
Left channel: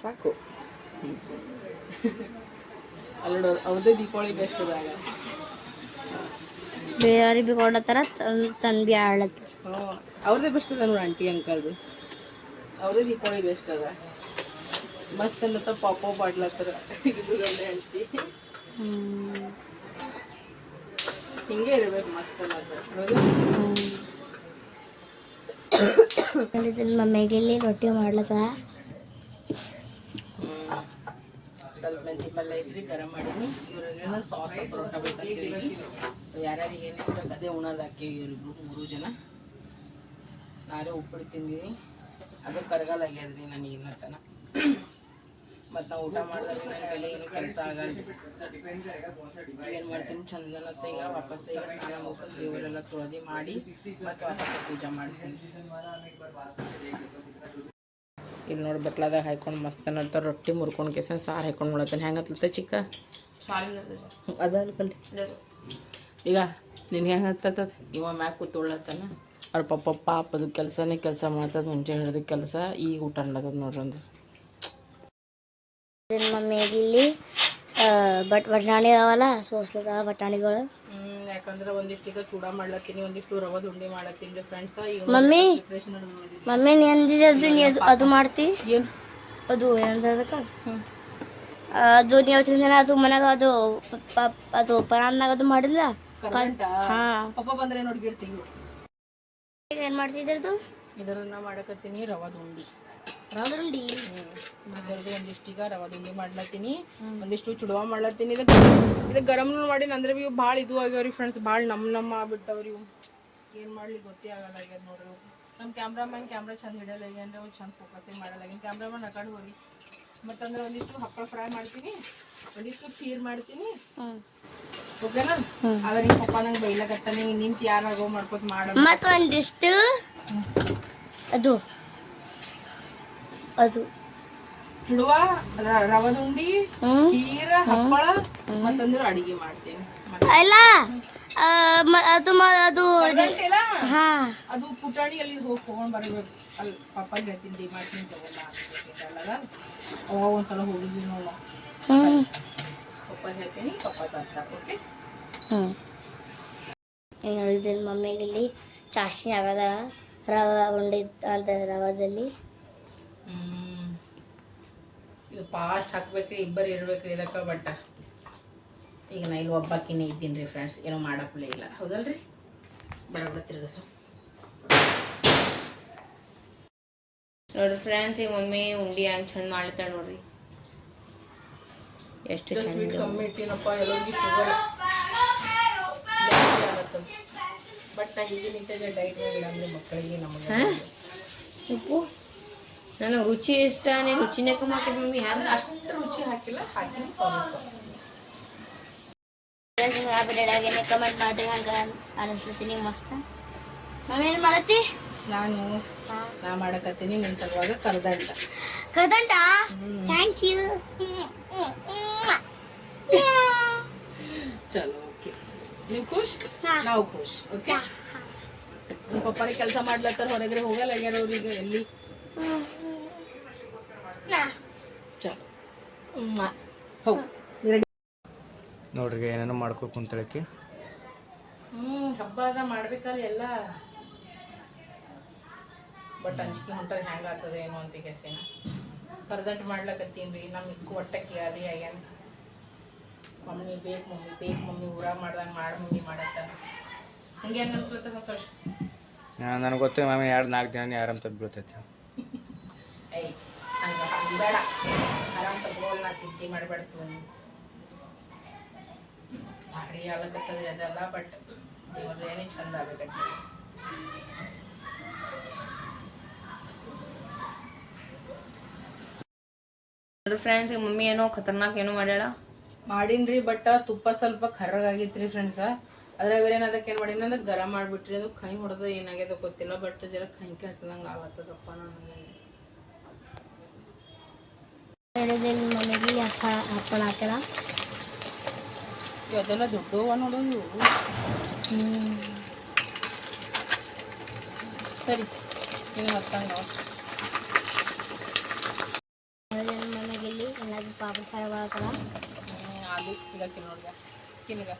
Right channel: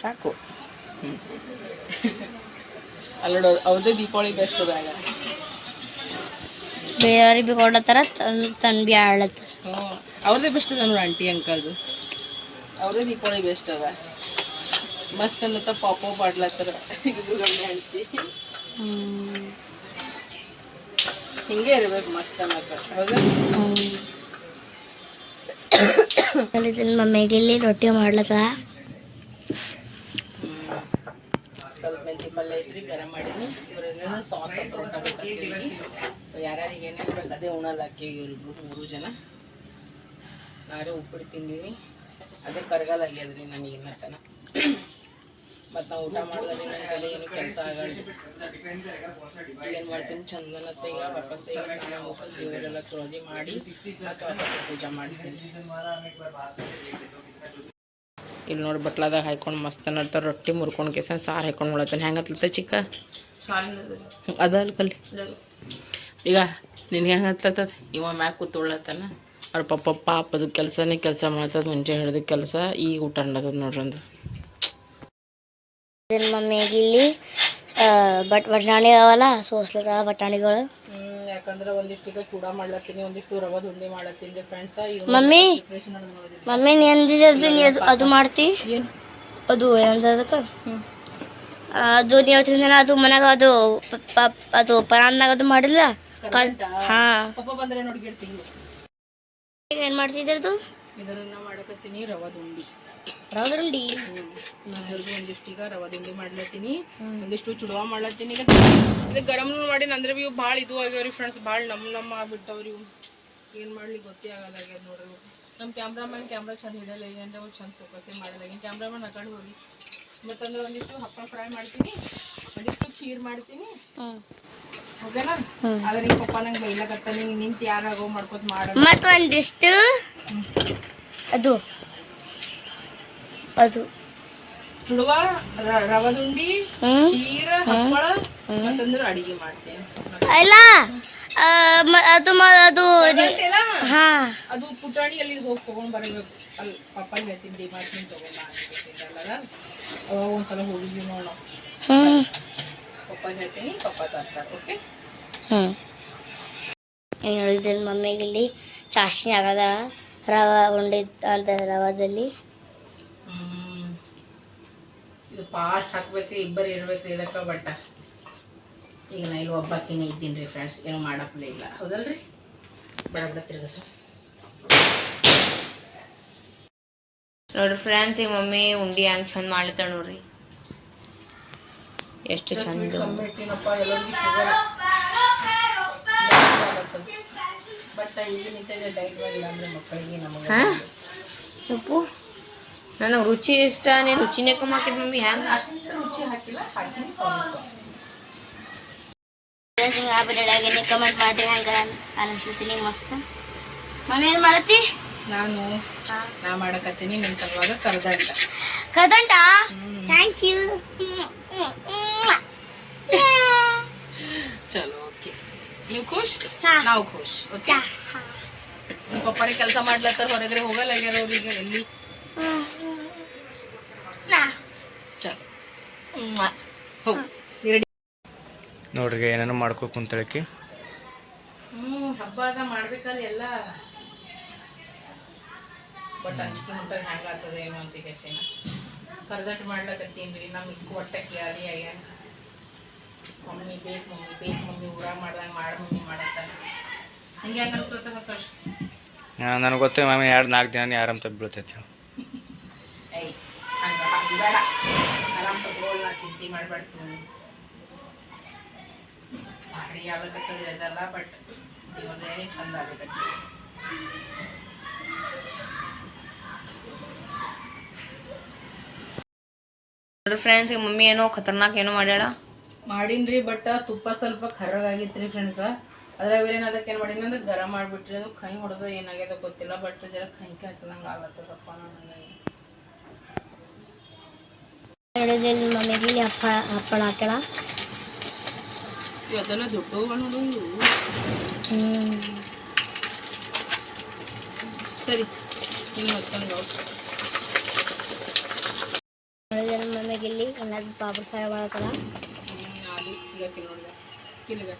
ಸಾಕು. ಅಲ್ಲೋಡ ಅವ್ರದೇ ದೀಪಾವಳಿ ಬೆಸ್ಟ್ ಬರಲ್ಲ ಬೇರೆಯವ್ರಿಗೆ ಬಿ ಕೊಡತ್ತಾರ ತನ್ನ ಬಿ ಆಡ್ಲತ್ತಾರ ಹ್ಞೂ ಅವ್ರದ್ದೇ ಬೆಸ್ಟ್ ಅದ ನೋಡಿ ಆಂಟಿ ಅಂಕಲ್ದು ಅವ್ರದ್ದೇ ದೀಪಾವಳಿ ಬೆಸ್ಟ್ ಅದ ಮಸ್ತ್ ಅನ್ನತ್ತ ಪಾಪ ಪಾಡ್ಲತ್ತಾರ. ಆಂಟಿ ಹಿಂಗೆ ಇರ್ಬೇಕು ಮಸ್ತ್ ಅನ್ನತ್ತ. ಹೌದಾ? ಮಮ್ಮಿಗೆ ಇಲ್ಲಿ ರೊಟ್ಟಿ ಮಾಡ್ಲತ್ತ. ಸ್ವಲ್ಪ ಮೆಂತಿ ಪಲ್ಯ ಐತ್ರಿ ಗರಂ ಮಾಡೀನಿ. ಇವ್ರಿಗೆ ಸಾಸ್ ಪರೋಟ ಬೇಕಾಗ್ತೀವಿ ಯಾರ್ಯಾರಿಗೆ ಏನೇನು ಬೇಕು ಅದೇ ಉಣಲ್ಲ ಅಕ್ಕಿ ಇವ್ರಿಬ್ರು ಮೂರು ಜನ. ನಾರೇ ಉಪ್ಪಿಟ್ಟು ತಿಂದೀನಿ ಅದೇ ಕರಗಾಲ ಆಗ್ಯದ್ರಿ ನನಗೆ ಇನ್ನತನ ಮತ್ತು ನಾವು ಊಟ ಮಾಡಿದ್ರೆ ನನ್ನ ಕೈಲಿ ಏನು ಕೆಲಸ ಆಗಲ್ಲ ಏನು ಮಾಡ್ತೀನಿ ಚಂದನ ಈಗ ವಾಪಸ್ ಈಗ ಸ್ನಾನ ಮುಗಿಸ್ಕೊಂಡು ದೇವರೆಲ್ಲ ತೊಳೆದು ಮಾಡಿ ಮತ್ತು ವಾಪಸ್ ಪೂಜೆ ಮಾಡ್ತೀನಿ. ಇಲ್ಲಿ ನೋಡಿ ಬಟ್ಲಾದಾಗ ಹಾಯ್ಕೊಂಡು ಮಸ್ತ್ ನಡ್ತಾರೆ ರೊಟ್ಟಿ ಮುರ್ಕೊಂಡು ಕೇಸನ್ ಸಾರು ಹಾಕೊಂಡು ಮಾಡತ್ತೆ ಹೆಂಗೆ ಹತ್ತ ಚಿಕ್ಕ? ಅದ ಅಲ್ಲಿ ಕಲ್ಲಿ ಈಗ ನಿನ್ಗೆ ಹೆಂಗೆ ಹತ್ತದ ಇವ ಮ್ಯಾಗ ಕೂತ್ಕೊಳ್ಳತ್ತಾನ ಅವ್ರ ಪಪ್ಪ ಪಾಪದು ಕೆಲಸನೇ ಕೆಲಸ ಮಾಡ್ತದ ಮುಂಚೆ ಹಿಡಿದ ಕೆಲಸ ಈಗ ಊಟ ಅನ್ನೋದು ನೋಡ್ರಂದು ಮಮ್ಮಿಗೆ ಇಲ್ಲಿ ಬಟ್ ಬಟಾಣಿ ಅವಲ್ಲ ಸೋಸ್ಲದ ಬಟಾಣಿಗಳು. ಯಾಕಂದ್ರೆ ಒಂದಿಷ್ಟು ಈಗ ಚೂಡ ಮಾಡ್ಲತ್ತೀನಿ ಒಂದಿಷ್ಟು ರವದ ಉಂಡೆ ಮಾಡತ್ತೀನಿ ರೀ ಫ್ರೆಂಡ್ಸ್ ಈಗ ಮಮ್ಮಿ ಮಮ್ಮಿ ನೀ ಅಂದಿದ್ದೆ ಅದು ನೀ ಅದು ಅದು ಮಾಡ್ತಿ? ಏನು? ಅದು ಏನಂತ ಅದಕ್ಕೆ? ಅದು ನೀವು ಹೇಳ್ತಿದ್ದೀನ ಅದು ಮನ್ಯಾಗ ಅದು ಅದು ಪರಾನ್ನಾಗ ಅದು ಮಾಡಿಲ್ಲ? ಹಾ. ಪಪ್ಪ ಬಂದ್ರೆ ನೋಡಿ ಏನು ಮಾಡ್ತಿದ್ರದು ಇದನ್ನ ಮಾಡಕತ್ತೀನಿ ರವದ ಉಂಡಿ ರೌದ್ರಲ್ಲಿ ಅದ್ರದ್ದು ಒಂದಿಷ್ಟು ಈಗ ರವದ ತಿಂಡಿ ಮಾಡ್ಲತ್ತೀನಿ. ಒಂದಿಷ್ಟು ಚುಡುವ ಮಾಡ್ಲತ್ತೀನಿ. ಈಗ ಇದು ಗರಮ್ ಮಾಡಿ ಅಂದ್ರೆ ಇವು ಭಾಳ ಇದು ಆಗ್ಯಾವ್ರಿ ಫ್ರೆಂಡ್ಸ್ ಭಾಳ ನಮ್ಮ ನಮ್ಮ ಆಗ್ಬಿಟ್ಟವ್ರಿ ಇವು. ಏನು ಮಾಡ್ಲಿಕ್ಕೆ ಗೊತ್ತೇ ಆಗಲ್ಲ ಆಗ್ಯದ ನೋಡ್ರಿ ನಮ್ ನಮ್ಮ ಕ್ಯಾಮ್ರಾಮನ್ ಕ್ಯಾಮ್ರಾ ಚಂದ ಹಿಡಲ್ಲ ಈಗ ಅಂದ್ರೆ ಅವ್ರು ಚಂದ ಫೋಕಸ್ಸೇ ಮಾಡಲ್ಲ. ಈಗ ಕ್ಯಾಮ್ರಾಮನ್ ಹಾಕೊಂಡು ಕಡೆ ಹೋಗಿ ಮತ್ತಂದ್ರೆ ಒಂದಿಷ್ಟು ಹಪ್ಪಳ ಫ್ರೈ ಮಾಡ್ತೀನಿ. ಒಂದಿಷ್ಟು ಖೀರ್ ಮಾಡ್ತೀನಿ. ಆದ್ರೆ ನಿಮ್ಮ ಪಪ್ಪ ನಂಗೆ ಬೈಲಕತ್ತಾನೆ ನೀನು ನಿಂತು ಯಾರಾಗೋ ಮಾಡ್ಕೊತ ಮಾಡೋಣ ಮತ್ತೊಂದಿಷ್ಟು ಅದು ಅದು. ಚುಡುವ ರವದುಂಡಿ ಖೀರ ಹಪ್ಪಳ ಮತ್ತಂದ್ರೆ ಅಡಿಗೆ ಮಾಡ್ತೇನೆ. ಅಲ್ಲ ಅದು ಅದು ಹಾ. ಅದು ಪುಟಾಣಿಯಲ್ಲಿ ಹೋಗಿ ತಗೊಂಡ್ ಬರಬೇಕು. ಅಲ್ಲಿ ಪಪ್ಪಾಗಿ ಹೇಳ್ತೀನಿ ತಗೊಂಡ ಅಲ್ಲ ಅವಾಗ ಒಂದ್ಸಲ ಹೋಗಿದ್ವಿ ನೋಡ ಪಪ್ಪಾಗೆ ಹೇಳ್ತೀನಿ ಪಪ್ಪ ತರ್ತಾರೆ ಓಕೆ ಮಮ್ಮಿಗೆ ಇಲ್ಲಿ ಚಾಷ್ನಿ ಆಗದ ರವೆ ಉಂಡೆ ಅಂತ ರವಾದಲ್ಲಿ. ಇದು ಫಾಸ್ಟ್ ಹಾಕ್ಬೇಕ್ರಿ ಇಬ್ಬರು ಇರ್ಬೇಕ್ರಿ ಇದಕ್ಕೆ ಬಟ್ ಈಗ ನಾ ಇಲ್ಲಿ ಒಬ್ಬಾಕಿನೇ ಇದ್ದೀನಿ ರೀ ಫ್ರೆಂಡ್ಸ್ ಏನೂ ಮಾಡಪ್ಲೇ ಇಲ್ಲ. ಹೌದಲ್ರಿ? ಬಡ ಬಡ ತಿರ್ಗಸ. ನೋಡ್ರಿ ಫ್ರೆಂಡ್ಸ್ ಈಗ ಮಮ್ಮಿ ಉಂಡಿ ಹಂಗೆ ಚಂದ ಮಾಡ್ಲತ್ತಾಳ ನೋಡ್ರಿ ಎಷ್ಟು ಚಂದ ಕಮ್ಮಿ ಇಟ್ಟಿನಪ್ಪ ಎಲ್ಲರಿಗೂ ಶುಗರ್ ಬಟ್ ಈಗ ನಿಂತಿದೆ ಡೈಟ್ ಮಾಡಿಲ್ಲ ಅಂದ್ರೆ ಮಕ್ಕಳಿಗೆ ನಮಗೆ ಉಪ್ಪು ನನಗೆ ರುಚಿ ಇಷ್ಟ ನೀನು ರುಚಿನೇ ಕಮ್ಮಿ ಹಾಕಿದ್ ಮಮ್ಮಿ ಹ್ಯಾಂಗ? ಅಷ್ಟು ರುಚಿ ಹಾಕಿಲ್ಲ ಬಿಡಾಗೇನೆ ಕಮೆಂಟ್ ಮಾಡಿ ಹಂಗೆ ಅನಿಸ್ತೀನಿ ಮಸ್ತ್? ಮಮ್ಮಿ ಏನು ಮಾಡತ್ತಿ? ನಾನು ನಾ ಮಾಡಕತ್ತೀನಿ ನಿಮ್ಮ ಸಲುವಾಗ ಕರ್ದಂಟ. ಕರ್ದಂಟ? ಥ್ಯಾಂಕ್ ಯು ಚಲೋ ಓಕೆ ನೀವು ಖುಷ್. ನಾವು ಖುಷ್ ಓಕೆ ನಿಮ್ಮ ಪಪ್ಪಾರಿ ಕೆಲಸ ಮಾಡ್ಲತ್ತಾರ ಹೊರಗಡೆ ಹೋಗಲ್ಲ ಆಗ್ಯಾರ ಅವ್ರಿಗೆ ಎಲ್ಲಿ? ಚಲೋ. ಹೋಗಿ ರೆಡಿ ನೋಡ್ರಿ ಏನೇನೋ ಮಾಡ್ಕೊ ಕುಂತಳಕ್ಕೆ. ಹ್ಞೂ ಹಬ್ಬ ಅದ ಮಾಡ್ಬೇಕಲ್ಲ ಎಲ್ಲ. ಬಟ್ ಅಂಜಿಕೆ ಮುಟ್ಟದ ಹೆಂಗೆ ಆಗ್ತದೆ ಏನೋ ಅಂತ ಕೆಸೇನ ಕರ್ದಟ್ಟು ಮಾಡ್ಲಕತ್ತೀನಿ ರೀ ನಮ್ಮ ಇಕ್ಕು ಒಟ್ಟ ಕೇಳಿ ಆಗ್ಯಾನ ಮಮ್ಮಿ ಬೇಕು ಮಮ್ಮಿ ಬೇಕು ಮಮ್ಮಿ ಊರಾಗ ಮಾಡ್ದಂಗೆ ಮಾಡಿ ಮಮ್ಮಿ ಮಾಡತ್ತ ಹಂಗೆ ಹೆಂಗೆ ಅನ್ಸುತ್ತೆ ಸಂತೋಷ ನನಗೆ ಗೊತ್ತು ಮಮ್ಮಿ ಎರಡು ನಾಲ್ಕು ದಿನ ಆರಾಮ್ ತಪ್ಪಿ ಬೀಳ್ತೈತಿ ಐ ಹಂಗೆ ಬೇಡ. ಆರಾಮ್ ತಗೊಳ್ ನಾ ಚಿಂತೆ ಮಾಡ್ಬಾರ್ದು. ಭಾರಿ ಆಗ್ಲಕತ್ತದ ಅದೆಲ್ಲ ಬಟ್ ದೇವ್ರದ್ದು ಏನೇ ಚಂದ ಆಗಬೇಕಂತ ನೋಡ್ರಿ ಫ್ರೆಂಡ್ಸ್ ಮಮ್ಮಿ ಏನೋ ಖತರ್ನಾಕ್ ಏನೋ ಮಾಡ್ಯಾಳ. ಮಾಡೀನ್ರಿ ಬಟ್ ತುಪ್ಪ ಸ್ವಲ್ಪ ಕರ್ರಗಾಗಿತ್ತು ರೀ ಫ್ರೆಂಡ್ಸ ಅದ್ರ ಏನು ಅದಕ್ಕೆ ಏನು ಮಾಡೀನಿ ಅಂದ್ರೆ ಗರಂ ಮಾಡಿಬಿಟ್ರಿ. ಅದು ಕೈ ಹೊಡೆದು ಏನಾಗ್ಯದ ಗೊತ್ತಿಲ್ಲ ಬಟ್ ಜರ ಕೈಕೆ ಹತ್ತದಂಗೆ ಆಗತ್ತದಪ್ಪ ನನಗೆ ಇಲ್ಲಿ ಹಪ್ಪಳ ಹಪ್ಪಳ ಹಾಕಳ ಅದೆಲ್ಲ ದುಡ್ಡು ಅನ್ನೋದು. ಹ್ಮ್ ಸರಿ ನೀವು ಮತ್ತೊಂದು ನೋಡಿದ್ರೆ ಪಾಪ ಇಲ್ಲಿ ಎಲ್ಲಾದ್ರೂ ಅದು ಈಗ ತಿನ್ನೋದಿಲ್ಲ ತಿನ್ನಗ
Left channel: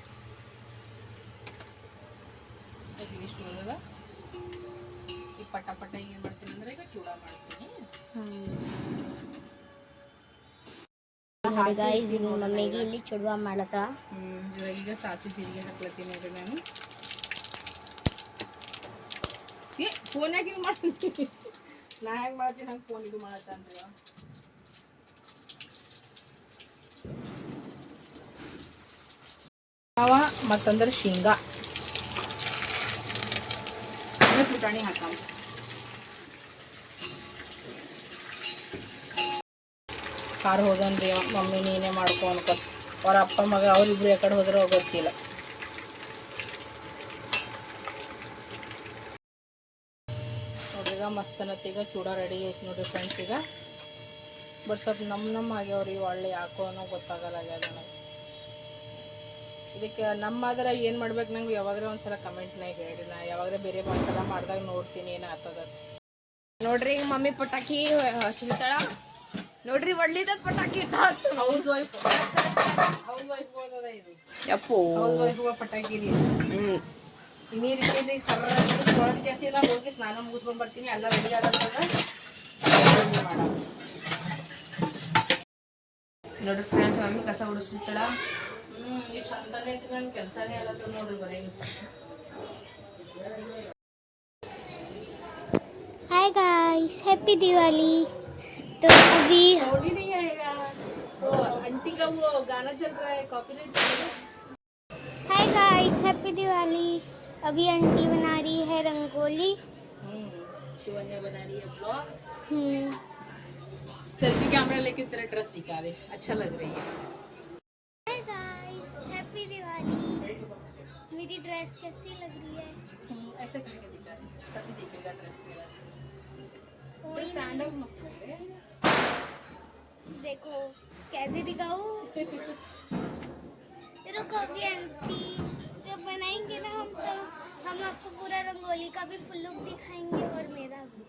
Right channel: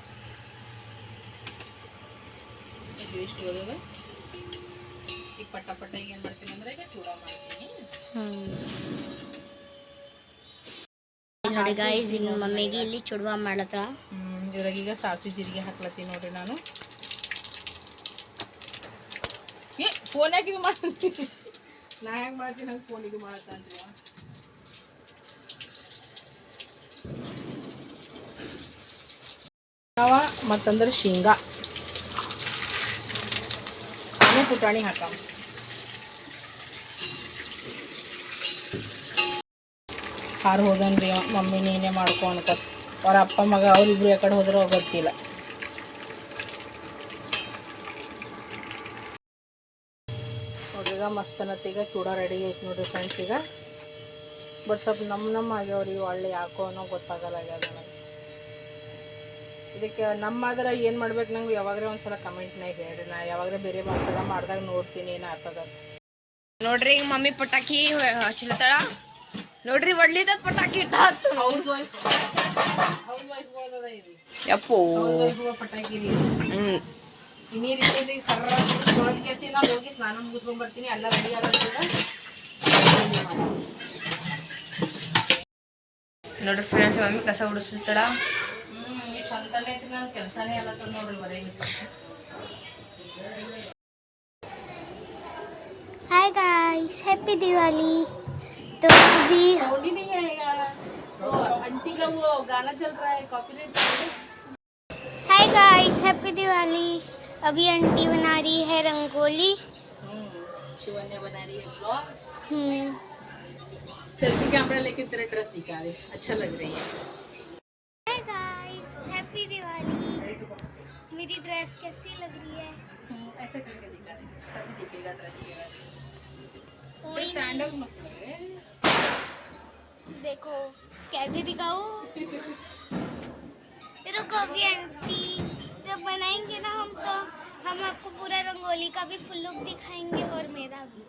ಇದು ಇಷ್ಟು ಈಗ ಪಟ್ಟ ಪಟ್ಟ ಈಗ ಏನು ಮಾಡ್ತೀನಿ ಅಂದ್ರೆ ಈಗ ಚೂಡ ಮಾಡ್ತೀನಿ. ನೋಡಿ ಗಾಯ್ಸ್ ಇಲ್ಲಿ ಮಮ್ಮಿಗೆ ಇಲ್ಲಿ ಚುಡುವ ಮಾಡತ್ರ. ಇದ್ರಾಗ ಈಗ ಸಾಸಿವೆ ಜೀರಿಗೆ ಹಾಕ್ಲತ್ತೀನಿ ನೋಡ್ರಿ ನಾನು. ಏ ಫೋನ್ ಯಾಕೆ ಇದು ಮಾಡ್ತೀನಿ ನಾ ಹೆಂಗೆ ಮಾಡ್ತೀನಿ? ಹಂಗೆ ಫೋನ್ ಇದು ಮಾಡತ್ತನ್ರಿ ಅವ. ನಾವ ಮತ್ತಂದ್ರೆ ಶೇಂಗಾ. ಪುಟಾಣಿ ಹಾಕಾಮ ಹಾರ ಹೋದನ್ರಿ. ಮಮ್ಮಿ ನೀನೇ ಮಾಡ್ಕೊ ಅನ್ಕತ್ ಅವ್ರ ಅಪ್ಪ ಮಗ ಅವ್ರಿಬ್ರು ಯಾಕಡೆ ಹೋದ್ರೆ ಗೊತ್ತಿಲ್ಲ. ನೋಡ್ರಿ ಈಗ ಮಸ್ತ್ ಅನ್ನತ್ತೆ ಈಗ ಚೂಡ ರೆಡಿ ಐತಿ ನೋಡ್ರಿ ಫ್ರೆಂಡ್ಸ್ ಈಗ. ಬಟ್ ಸ್ವಲ್ಪ ನಮ್ಮ ನಮ್ಮ ಆಗ್ಯಾವ್ರಿ ಒಳ್ಳೆ ಯಾಕೋ ಅನ್ನೋ ಗೊತ್ತಾಗಲ್ಲ ಆಗ್ಯದ ನನಗೆ. ಇದಕ್ಕೆ ನಮ್ಮಾದ್ರೆ ಏನು ಮಾಡ್ಬೇಕು ನಂಗೆ ಯಾವಾಗ್ರೆ ಒಂದ್ಸಲ ಕಮೆಂಟ್ನಾಗ ಹೇಳ್ರಿ ನಾ ಯಾವಾಗ್ರೆ ಬೇರೆ ಮಸಾಲ ಮಾಡ್ದಾಗ ನೋಡ್ತೀನಿ ಏನು ಆತದ ನೋಡ್ರಿ ಈಗ ಮಮ್ಮಿ ಪಟಾಕಿ ಹಚ್ಚಿಲ್ತಾಳ ನೋಡ್ರಿ ಒಡ್ಲಿದ ಪಟಾಕಿ ಇಟ್ಟ ಯಪ್ಪೋ. ಪಟಾಕಿ ರೀ ಈ ನೀರು ಸರ್ರ ತೊಳೆದ ಕೇಸಿ ನಾ ಹೋಗಿ ಸ್ನಾನ ಮುಗಿಸ್ಕೊಂಡ್ ಬರ್ತೀನಿ ಎಲ್ಲ ರೆಡಿ ಆಗತ್ತದ ನೋಡ್ರಿ ಫ್ರೆಂಡ್ಸ್ ಮಮ್ಮಿ ಕಸ ಉಡಿಸ್ತಾಳ ಹ್ಮ್ ಈ ಚಂದನೆ ಐತಿ ನನ್ನ ಕೆಲಸನೇ ಆಗತ್ತದ ನೋಡ್ರಿ ಬರೀ हाय गाइस हैप्पी दिवाली तो अभी साउंड ही नहीं आएगा वो आंटी का वो गाना चल रहा है copyright hi guys happy Diwali अभी आंटी बना रही है रंगोली हम्म शिवन्या बना रही है ब्लॉग हम्म सेल्फी कैमरा लेके तेरा ड्रेस दिखा दे अच्छा लग रही है हाय गाइस हैप्पी दिवाली। मेरी ड्रेस कैसी लग रही है? हम्म, ऐसे करके दिखा तभी दिखेगा ड्रेस तेरा कोई स्टैंडर्ड मस्त लग रहा है। देखो कैसे दिखाऊँ? तेरे को अभी आंटी जब बनाएँगे रंगोली का भी फुल लुक दिखाएँगे और मेरा भी।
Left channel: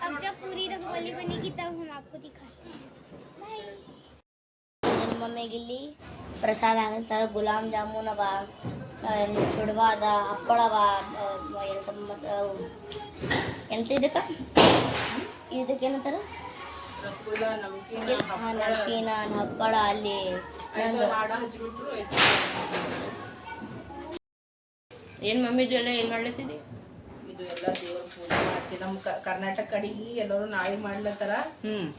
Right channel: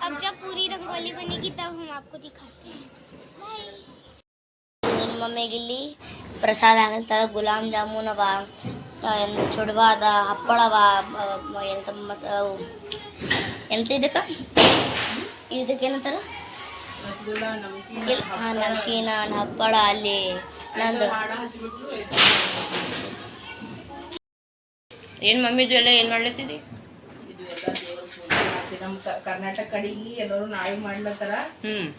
अब जब पूरी रंगोली बनेगी तब हम आपको दिखाते हैं। बाय ನನ್ನ ಮಮ್ಮಿಗೆ ಇಲ್ಲಿ ಪ್ರಸಾದ ಆಗಿರ್ತಾಳೆ ಗುಲಾಬ್ ಜಾಮೂನ್ ಅವ ಏನು ಚುಡ್ವ ಅದ ಹಪ್ಪಳ ಅವ ಎಂತ ಮಸ ಎಂತ ಇದಕ್ಕೆ? ಇದಕ್ಕೆ ಏನಂತಾರ? ರಸಗುಲ್ಲ ನಮ್ಕೀನ್ ಇಲ್ಲ, ಹಾ, ನಮ್ಕೀನ ಹಪ್ಪಳ ಅಲ್ಲಿ ನಂದು. ಏನು ಮಮ್ಮಿದು ಎಲ್ಲ ಏನ್ ಮಾಡ್ಲತ್ತಿದಿ ಇದು ಎಲ್ಲ ದೇವ್ರ ಪೂಜೆ ಮಾಡ್ತೀವಿ. ನಮ್ಮ ಕರ್ನಾಟಕ ಕಡೆಗೆ ಎಲ್ಲರೂ ನಾಳೆ ಮಾಡ್ಲತ್ತಾರ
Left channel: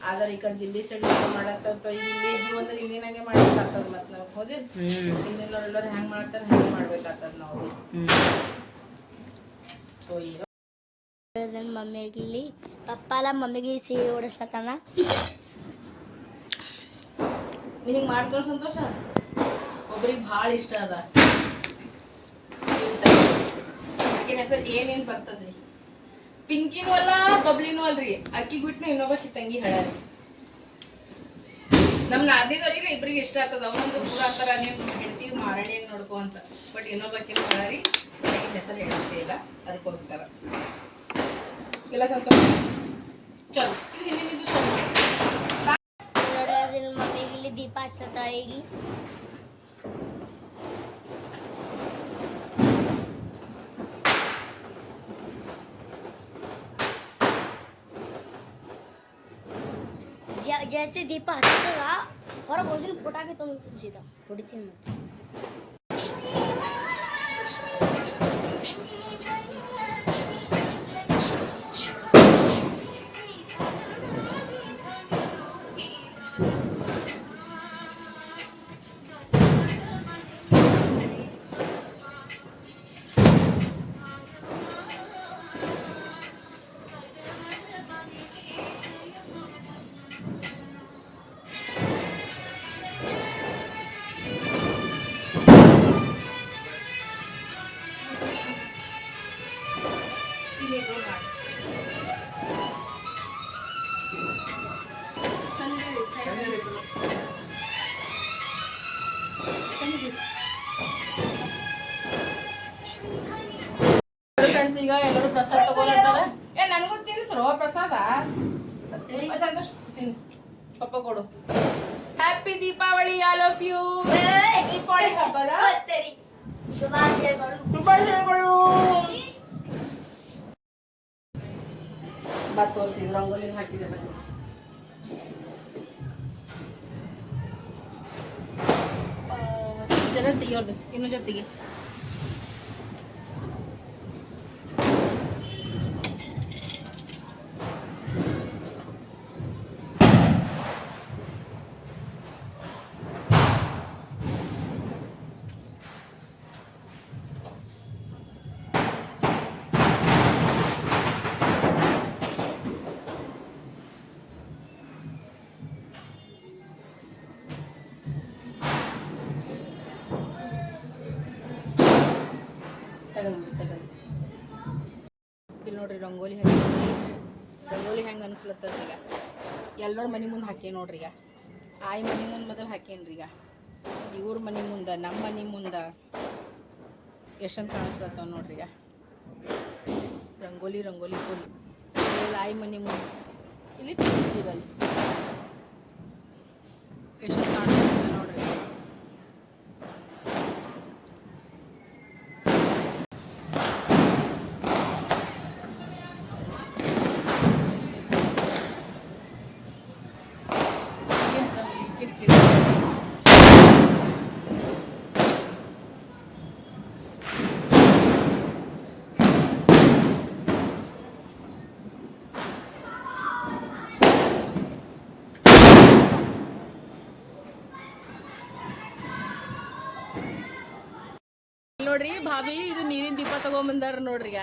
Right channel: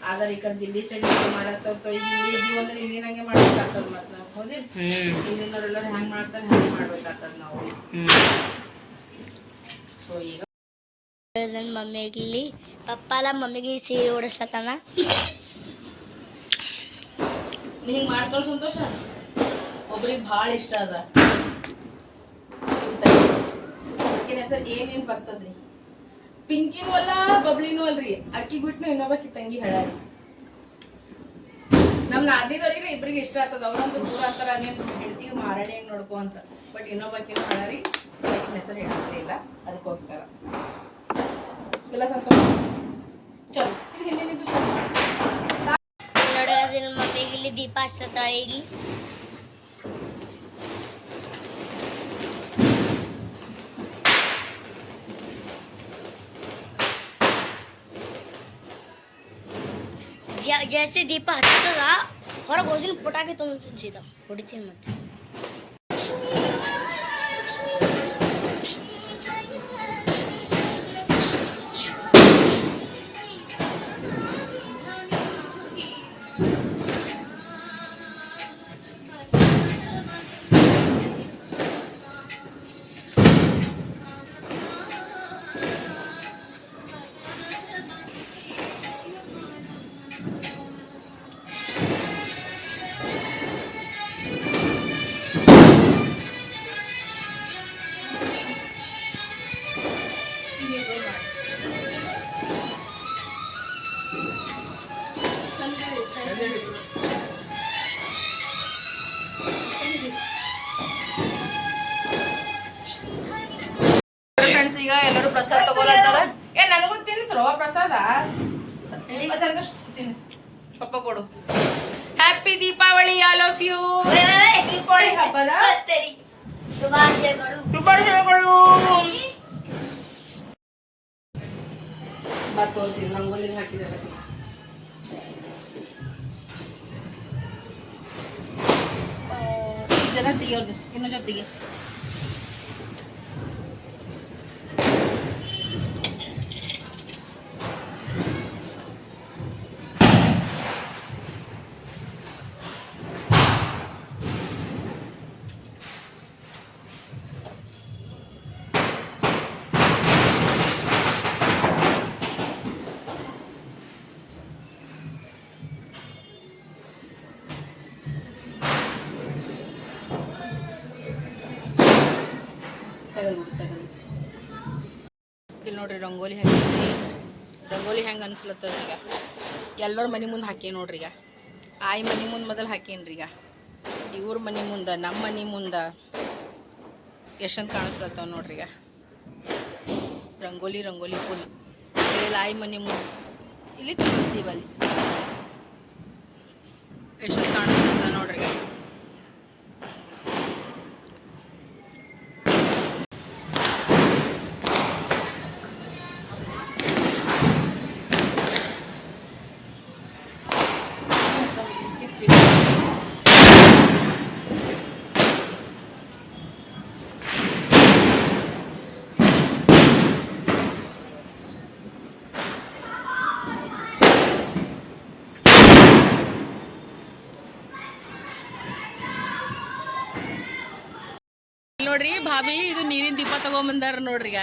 ಆದ್ರೆ ಈ ಕಡೆ ದಿಲ್ಲಿ ಸೈಡ್ ಮಾಡತ್ತ ಇಲ್ಲಿ ಇಂಡಿಯನ್ ಅಂದ್ರೆ ಇಲ್ಲಿನಂಗೆ ಮಾಡ್ಬೇಕಾಗ್ತದ ಮತ್ ನಾವು. ಹೌದಿಲ್ಲ ಹ್ಮ್. ಇಲ್ಲಿನವ್ರೆಲ್ಲರೂ ಹೆಂಗ್ ಮಾಡ್ತಾರ ಹಂಗೆ ಮಾಡ್ಬೇಕಾಗ್ತದ ನಾವು. ಸೊ ಈಗ ನನ್ನ ಮಮ್ಮಿಗಿಲ್ಲಿ ಪಪ್ಪಾಲ ಮಮ್ಮಿಗೆ ಸೀರೆ ಓಡಿಸ್ಲತ್ತಾನ ನಿಂಗೆ ಹಿಂಗ್ ಸಂತೋಷ? ಒಬ್ರಿಗೆ ಭಾಳ ಇಷ್ಟ ಅದ. ಹೆಸರು ಏನೇನು ಬರ್ತದ್ರಿ? ಪಿಂಕಿನೂ ಅಲ್ಲ ಬಬ್ಲಿನೂ ಅಲ್ರಿ. ಅಕ್ಕಿ ಬಿಟ್ಟು ಇನ್ನೊಬ್ಬಕಿ ತಂಗಿ ಹೇಳಾರಿ ನಮ್ ನಾದಿದವ್ರಿಗೆ ಇಬ್ರಿಗೆ ಇಷ್ಟ ಆಗ್ತದ. ಅವನಂತೂ ದೂರ ಅಂತಾರ ನೀವು ಹೆಂಡತಿ ಮಾರಾಣಿಯಾಗಿ ನೋಡ್ಕೊ ಅಂತ. ಬಟ್ ಇನ್ನೊಬ್ಬಕಿನ ಹೇಳಾರಿ ಆಕಿನ ಹೆಸರು ಹೇಳ್ತೇ ಇಲ್ಲ. ಅದಕ್ಕೋಸ್ಕರ. ಇಲ್ಲ ಸಂತೋಷ. ಚಲೋ. ಇದು ಹಿಂದಿನಿಂದ ಚಲೋ ಮಾಡಿ. ನೋಡಿ ಮಮ್ಮಿಗೆ ಇಲ್ಲಿ ದೀಪ ಹಚ್ಲತ್ತಾಳೆ ಈಗ ಜ- ಜैसे ದೀಪ ಹಚ್ಚದ ಹೊರಗೆ ಹೋಗಿನ ಪುಟಾಕಿ ತುಂಬ ಸೀದಾ ಹೊಡಿತೀನಿ ಮತ್ತೆ. ನನಗೂ ತಿನ್ಸ್ರೋ ಪ್ರಸಾದ ಸಂತೋಷ್ ತಿನ್ಸ್ ಪಪ್ಪ ಕೊಡು happy Deepavali all of you Deepavali ಹಬ್ಬದ ಶುಭಾಶಯಗಳು ಶುಭಾಶಯಗಳು ಬಾ ರಂಗೋಲಿ ಹಾಕಿದ್ದಾರೆ ಜನ ತೆಗಿಯೋದು ಇನ್ನೂ ಜೊತೆಗೆ ನೋಡ್ರಿ ರಂಗೋಲಿ ಹಾಕಿದ್ರಿ ರಂಗೋಲಿ ಹೆಂಗೆ ಅನ್ಸ್ಲತ್ತದ ಈಗ? ಎಲ್ಲರ ಮನೆ ಮುಂದೆ ಹಾಕಿ ನೋಡ್ರಿ ಈಗ? ಆಯಿ ಮನೆ ಮುಂದೆ ಮೊದಲು ಹಾಕೇನ್ರಿ ಈಗ? ಇವ್ರ ಮನೆ ಮುಂದೆ ನಮ್ಮ ಮನೆ ಮುಂದೆ ಎಷ್ಟಂತ ಕಾಣಿಸ್ಲತ್ತವ ನೋಡ್ರಿ ಈಗ? ರಂಗೋಲಿ ರಂಗೋಲಿ ಫುಲ್ ಇಲ್ಲಿ ಆಯಿ ಮನೆ ಮುಂದೆ. ಇಲ್ಲಿ ತುಳಸಿವಲ್ಲಿ ಎಷ್ಟಂತ ಕಾಣಿಸ್ಲತ್ತ ನೋಡ್ರಿ ಭಾಭಿ ಇದು ನೀರಿನ ದೀಪ ತಗೊಂಬಂದಾರ ನೋಡ್ರಿ ಈಗ.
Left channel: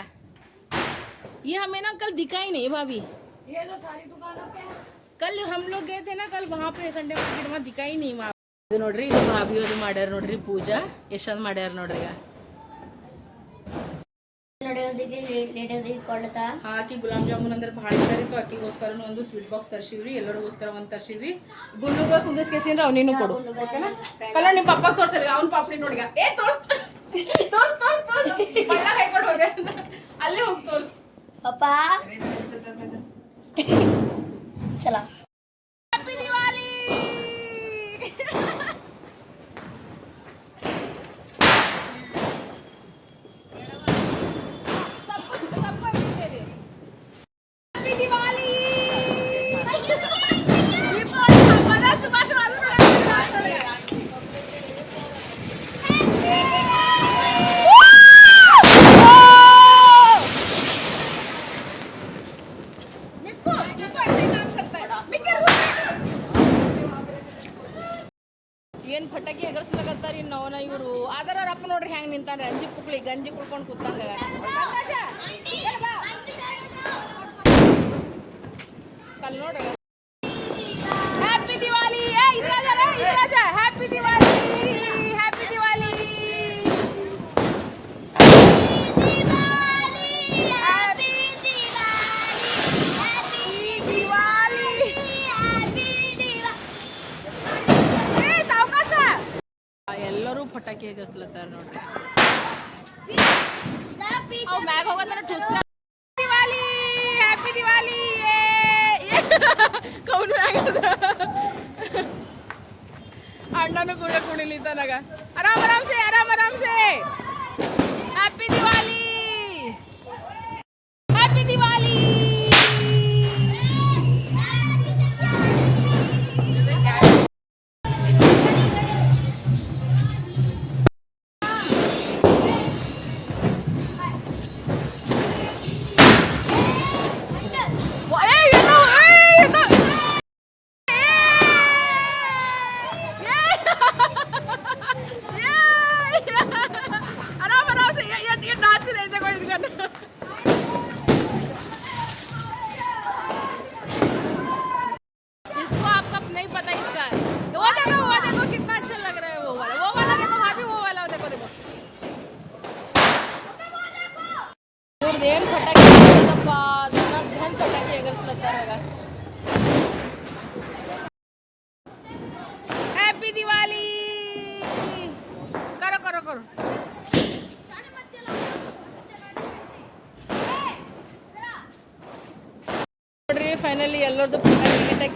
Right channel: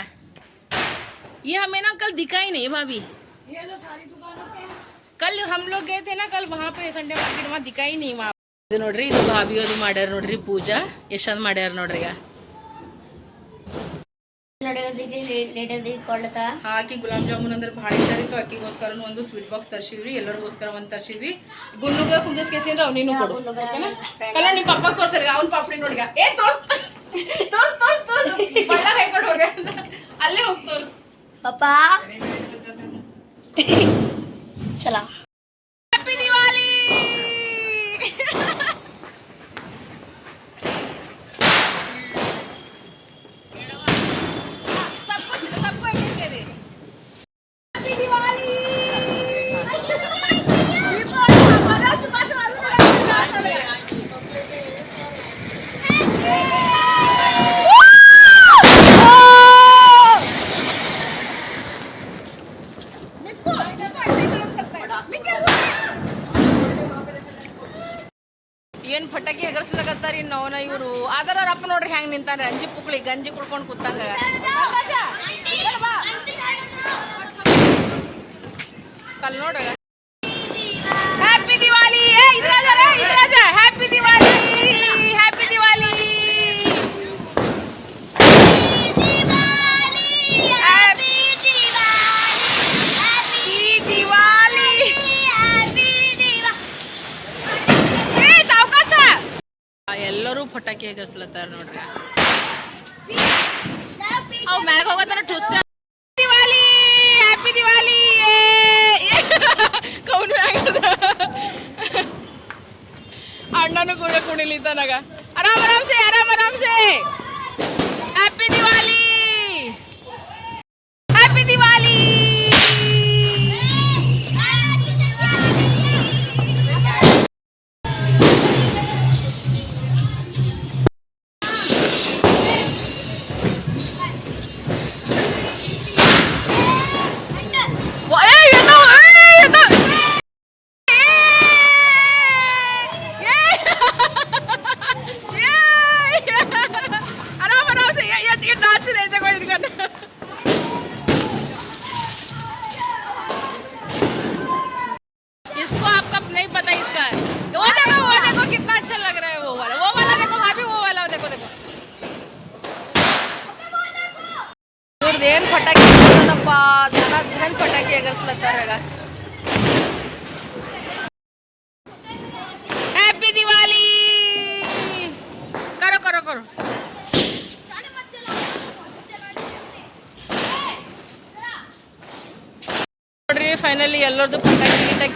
ಈ ಹಮ್ಮೇನ ಕಲ್ कल दिखा ಕಲ್ ಹಮ್ ಕಲ್ ವಹಾ ಸಂಡೆ ಮಾರ್ಕೆಟ್ ಮಾ ದಿಕ್ಕಾಯಿನಿ ಇದು ನೋಡ್ರಿ ಇದು ಭಾಬಿ ಅದು ಮಾಡ್ಯಾರ ನೋಡ್ರಿ ಪೂಜಾ. ಎಷ್ಟೊಂದು ಮಾಡ್ಯಾರ ನೋಡ್ರಿ ಈಗ. ಹಾಕಿ ಗುಲಾಬ್ ಜಾಮೂನ್ ಅಂದ್ರೆ ಬಹಳ ಇಷ್ಟ ಇತ್ತು ಆಕಿಗೋಸ್ಕರ ಒಂದು ಸ್ವೀಟ್ ಬಾಕ್ಸ್ ತರ್ಸಿವ್ರಿ ಎಲ್ಲರಿಗೋಸ್ಕರ ಒಂದ್ ತರ್ಸಿದ್ವಿ. ಗುಂಡುಗ ಕುಂದಿಸ್ಕೇಸಿನ್ರ ಅವ್ನಿನೂ ಕೊಡು. ಓಕೆನಾ? ಕಲ್ಲ ನಿಮ್ ಪಪ್ಪ ತೋರ್ಸ್ರಿ ಅವ್ನ ಪಾಪಡಿ ನೋಡ್ರಿ ಏ ತೋರ್ಸ್ತಾರೆ ತೋರ್ಸ್ ತೋರ್ಸ್ ತೋರ್ಸ್. ಬಣ್ಣ ಕೈಕೊಂಡು ಅಲ್ಲೇ ಹೋಗಿ ತೋರ್ಸ್. ಪಾಪ. ಚಲೋ ಇನ್ನು ಅವನ ಇವರು. ಅದರ ಅಪ್ಪ ನೋಡ್ರಿ ಹೆಂಗ್ ನಿಂತಾರ ಅಂಜಿ ಪುಕ್ಳಿ, ಗಂಜಿ ಕುಡ್ಕೊಂಡು ಕೂತಂಗ. ಕಲ್ ನೋಡ್ರಿ ಹ್ಯಾಪಿ ದಿವಾಲಿ ಏ ಇದ್ರಾಜ ರೇ, ಇದ್ರಾಜ happy Diwali happy Diwali happy Diwali ಏ ಸಾವ್ಕಾಸ ಎಲ್ಲರೂ ಪಟಾಕಿ ಎಗರ್ಸ್ಲತ್ತಾರ ನೋಡ್ರಿ. ಅವ್ ಮ್ಯಾಗ ಹೋಗತ್ತಾರ ಟುಸ್ ದಿವಾಲಿ ಹ್ಯಾಪಿ ದಿವಾಲಿ ಕೌನ್ ಮ್ಯಾಗದ. ಅಣ್ಣನು ಕೂಡ ಕುಣಿಲಿದ್ದಾನಾಗ. ಆರಾಮ್ ಆರಾಮ್ ಸೆ ಆರಾಮ್ ಆರಾಮ್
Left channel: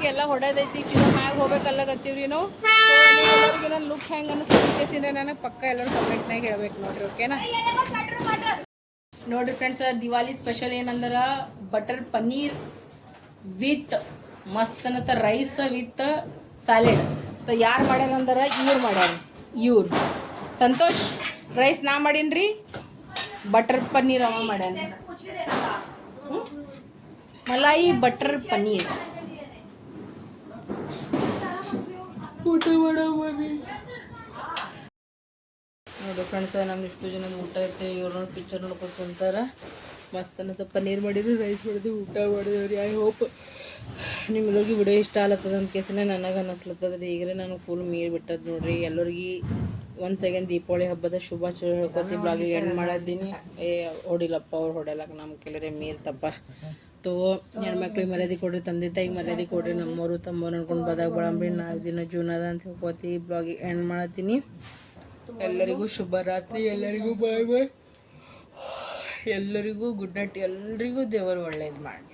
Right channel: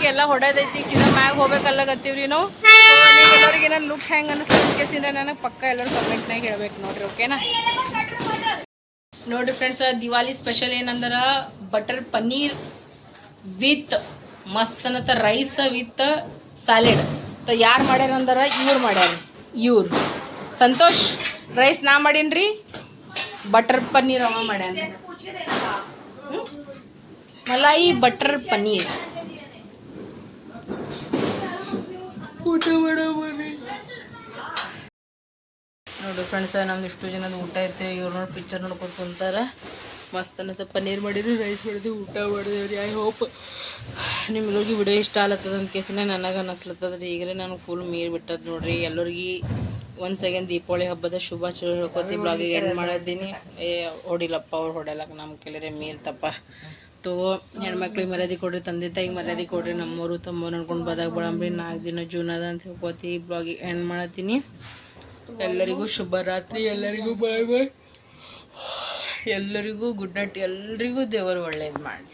ಗಿಟಾಕಿ ಎಲ್ಲ ಹೊಡೆದೈತಿ, ಸೀದಾ ಮ್ಯಾಗ ಹೋಗ್ಬೇಕಲ್ಲಾಗತ್ತೀವ್ರಿ ನಾವು ಎಲ್ಲರಿಗೆ ನನ್ನ ಲುಕ್ ಹೆಂಗೆ ಸೀದಾ ನನಗೆ ಪಕ್ಕ ಎಲ್ಲರೂ ಕಮೆಂಟ್ನಾಗ ಹೇಳ್ಬೇಕು ನೋಡ್ರಿ ಓಕೆನಾ ನೋಡ್ರಿ ಫ್ರೆಂಡ್ಸ್ ದಿವಾಲಿ ಸ್ಪೆಷಲ್ ಏನಂದ್ರೆ? ಬಟರ್ ಪನ್ನೀರ್ ವಿತ್ ಮಸ್ತ್ ಅನ್ನತ್ತ ರೈಸ್ ವಿತ್ ಸಾಲೆಡ್ ತ ಯಾರು ಮಾಡ್ಯಾರಂದ್ರೆ? ಇವ್ರು ಮಾಡ್ಯಾರ. ಇವ್ರು. ಸಂತೋಷ್ ರೈಸ್ ನಾ ಮಾಡೀನ್ರಿ? ಬಟರ್ ಪನ್ನೀರ್ ಅವ ಮಾಡ್ಯಾನ? ಮಲಾಯಿ ಬಟರ್ ಪನ್ನೀರ್ ಊಟ ಮಾಡೋ ನೋಡಿ ನೋಡು ಫ್ರೆಂಡ್ಸ್ ನಮ್ದು ಇಷ್ಟು ಜನದ ಊಟ ಐತೆ. ಇವ್ರು ನೋಡಿ ಪಿಕ್ಚರ್ ನೋಡ್ಕೊತ ಕುಂತಾರ. ಮಸ್ತ್ ಅನ್ನತ್ತ. ಪನ್ನೀರ್ ಮಾಡಿದ್ರು ರೈಸ್ ಮಾಡಿದ್ವಿ ಊಟ ಮಾಡಿದ್ರಿ. ಐ ಹೋಪ್ ನಿಮ್ಗೆ ವಿಡಿಯೋ ಇಷ್ಟ ಆಲತ್ತದ ಅಂತ ಕೇಸನೇ ನನಗೆ ಅನ್ನಿಸ್ಲತ್ತದ ರೀ ಈಗಲೇ ನನಗೆ ಫುಲ್ ಮೀರ್ ಬಿಟ್ಟದ ನೋಡ್ರಿ. ಎಲ್ಲರಿಗೆ ಒಂದು ಸೆಕೆಂಡ್ ದೀಪಾವಳಿ ಹಬ್ಬದ ಶುಭಾಶಯ ಹೇಳ್ಕೊತಿ. ಬ್ಲಾಗಿಗೆ ಎಂಡ್ ಮಾಡಿದ್ದೀನಿ ಏ ಹೊಡಿಲಪ್ಪ ಅವ್ರು ಹೊಡೆಯಲಕ್ಕ ನಮ್ಮ ಕೆಲರೆ ಮೀರ್ ತಪ್ಪ ತೋ ಹೆಣ್ಮಕ್ಳಿಗೆ ಮರ್ಯಾದೆ ಕೊಡ್ರಿ, ತಂದೆ ತಾಯಿಗೆ ಮರ್ಯಾದೆ ಕೊಡ್ರಿ ನಮ್ಮವರು ತಮ್ಮವ್ರು ಅನ್ಕೊಂಡು ಬದಾಗ ಬಳಂಬ್ರಿ ನಾಲ್ಕು ದಿನ ಜೂನ್ ಅದ ಅಂತ ಹೇಳ್ಕೊತಿ ಬ್ಲಾಗಿಗೆ ಎಂಡ್ ಮಾಡತ್ತೀನಿ ಎಲ್ಲರಿಗೂ ಶುಭರಾತ್ರಿ ಎಲ್ಲರಿಗೂ ಬಾಯ್ ಬಾಯ್ ಎಲ್ಲರಿಗೂ ಗುಡ್ ನೈಟ್ ಎಲ್ರಿಗೂ ದೇವರು ಒಳ್ಳೇದು ಮಾಡಲಿ.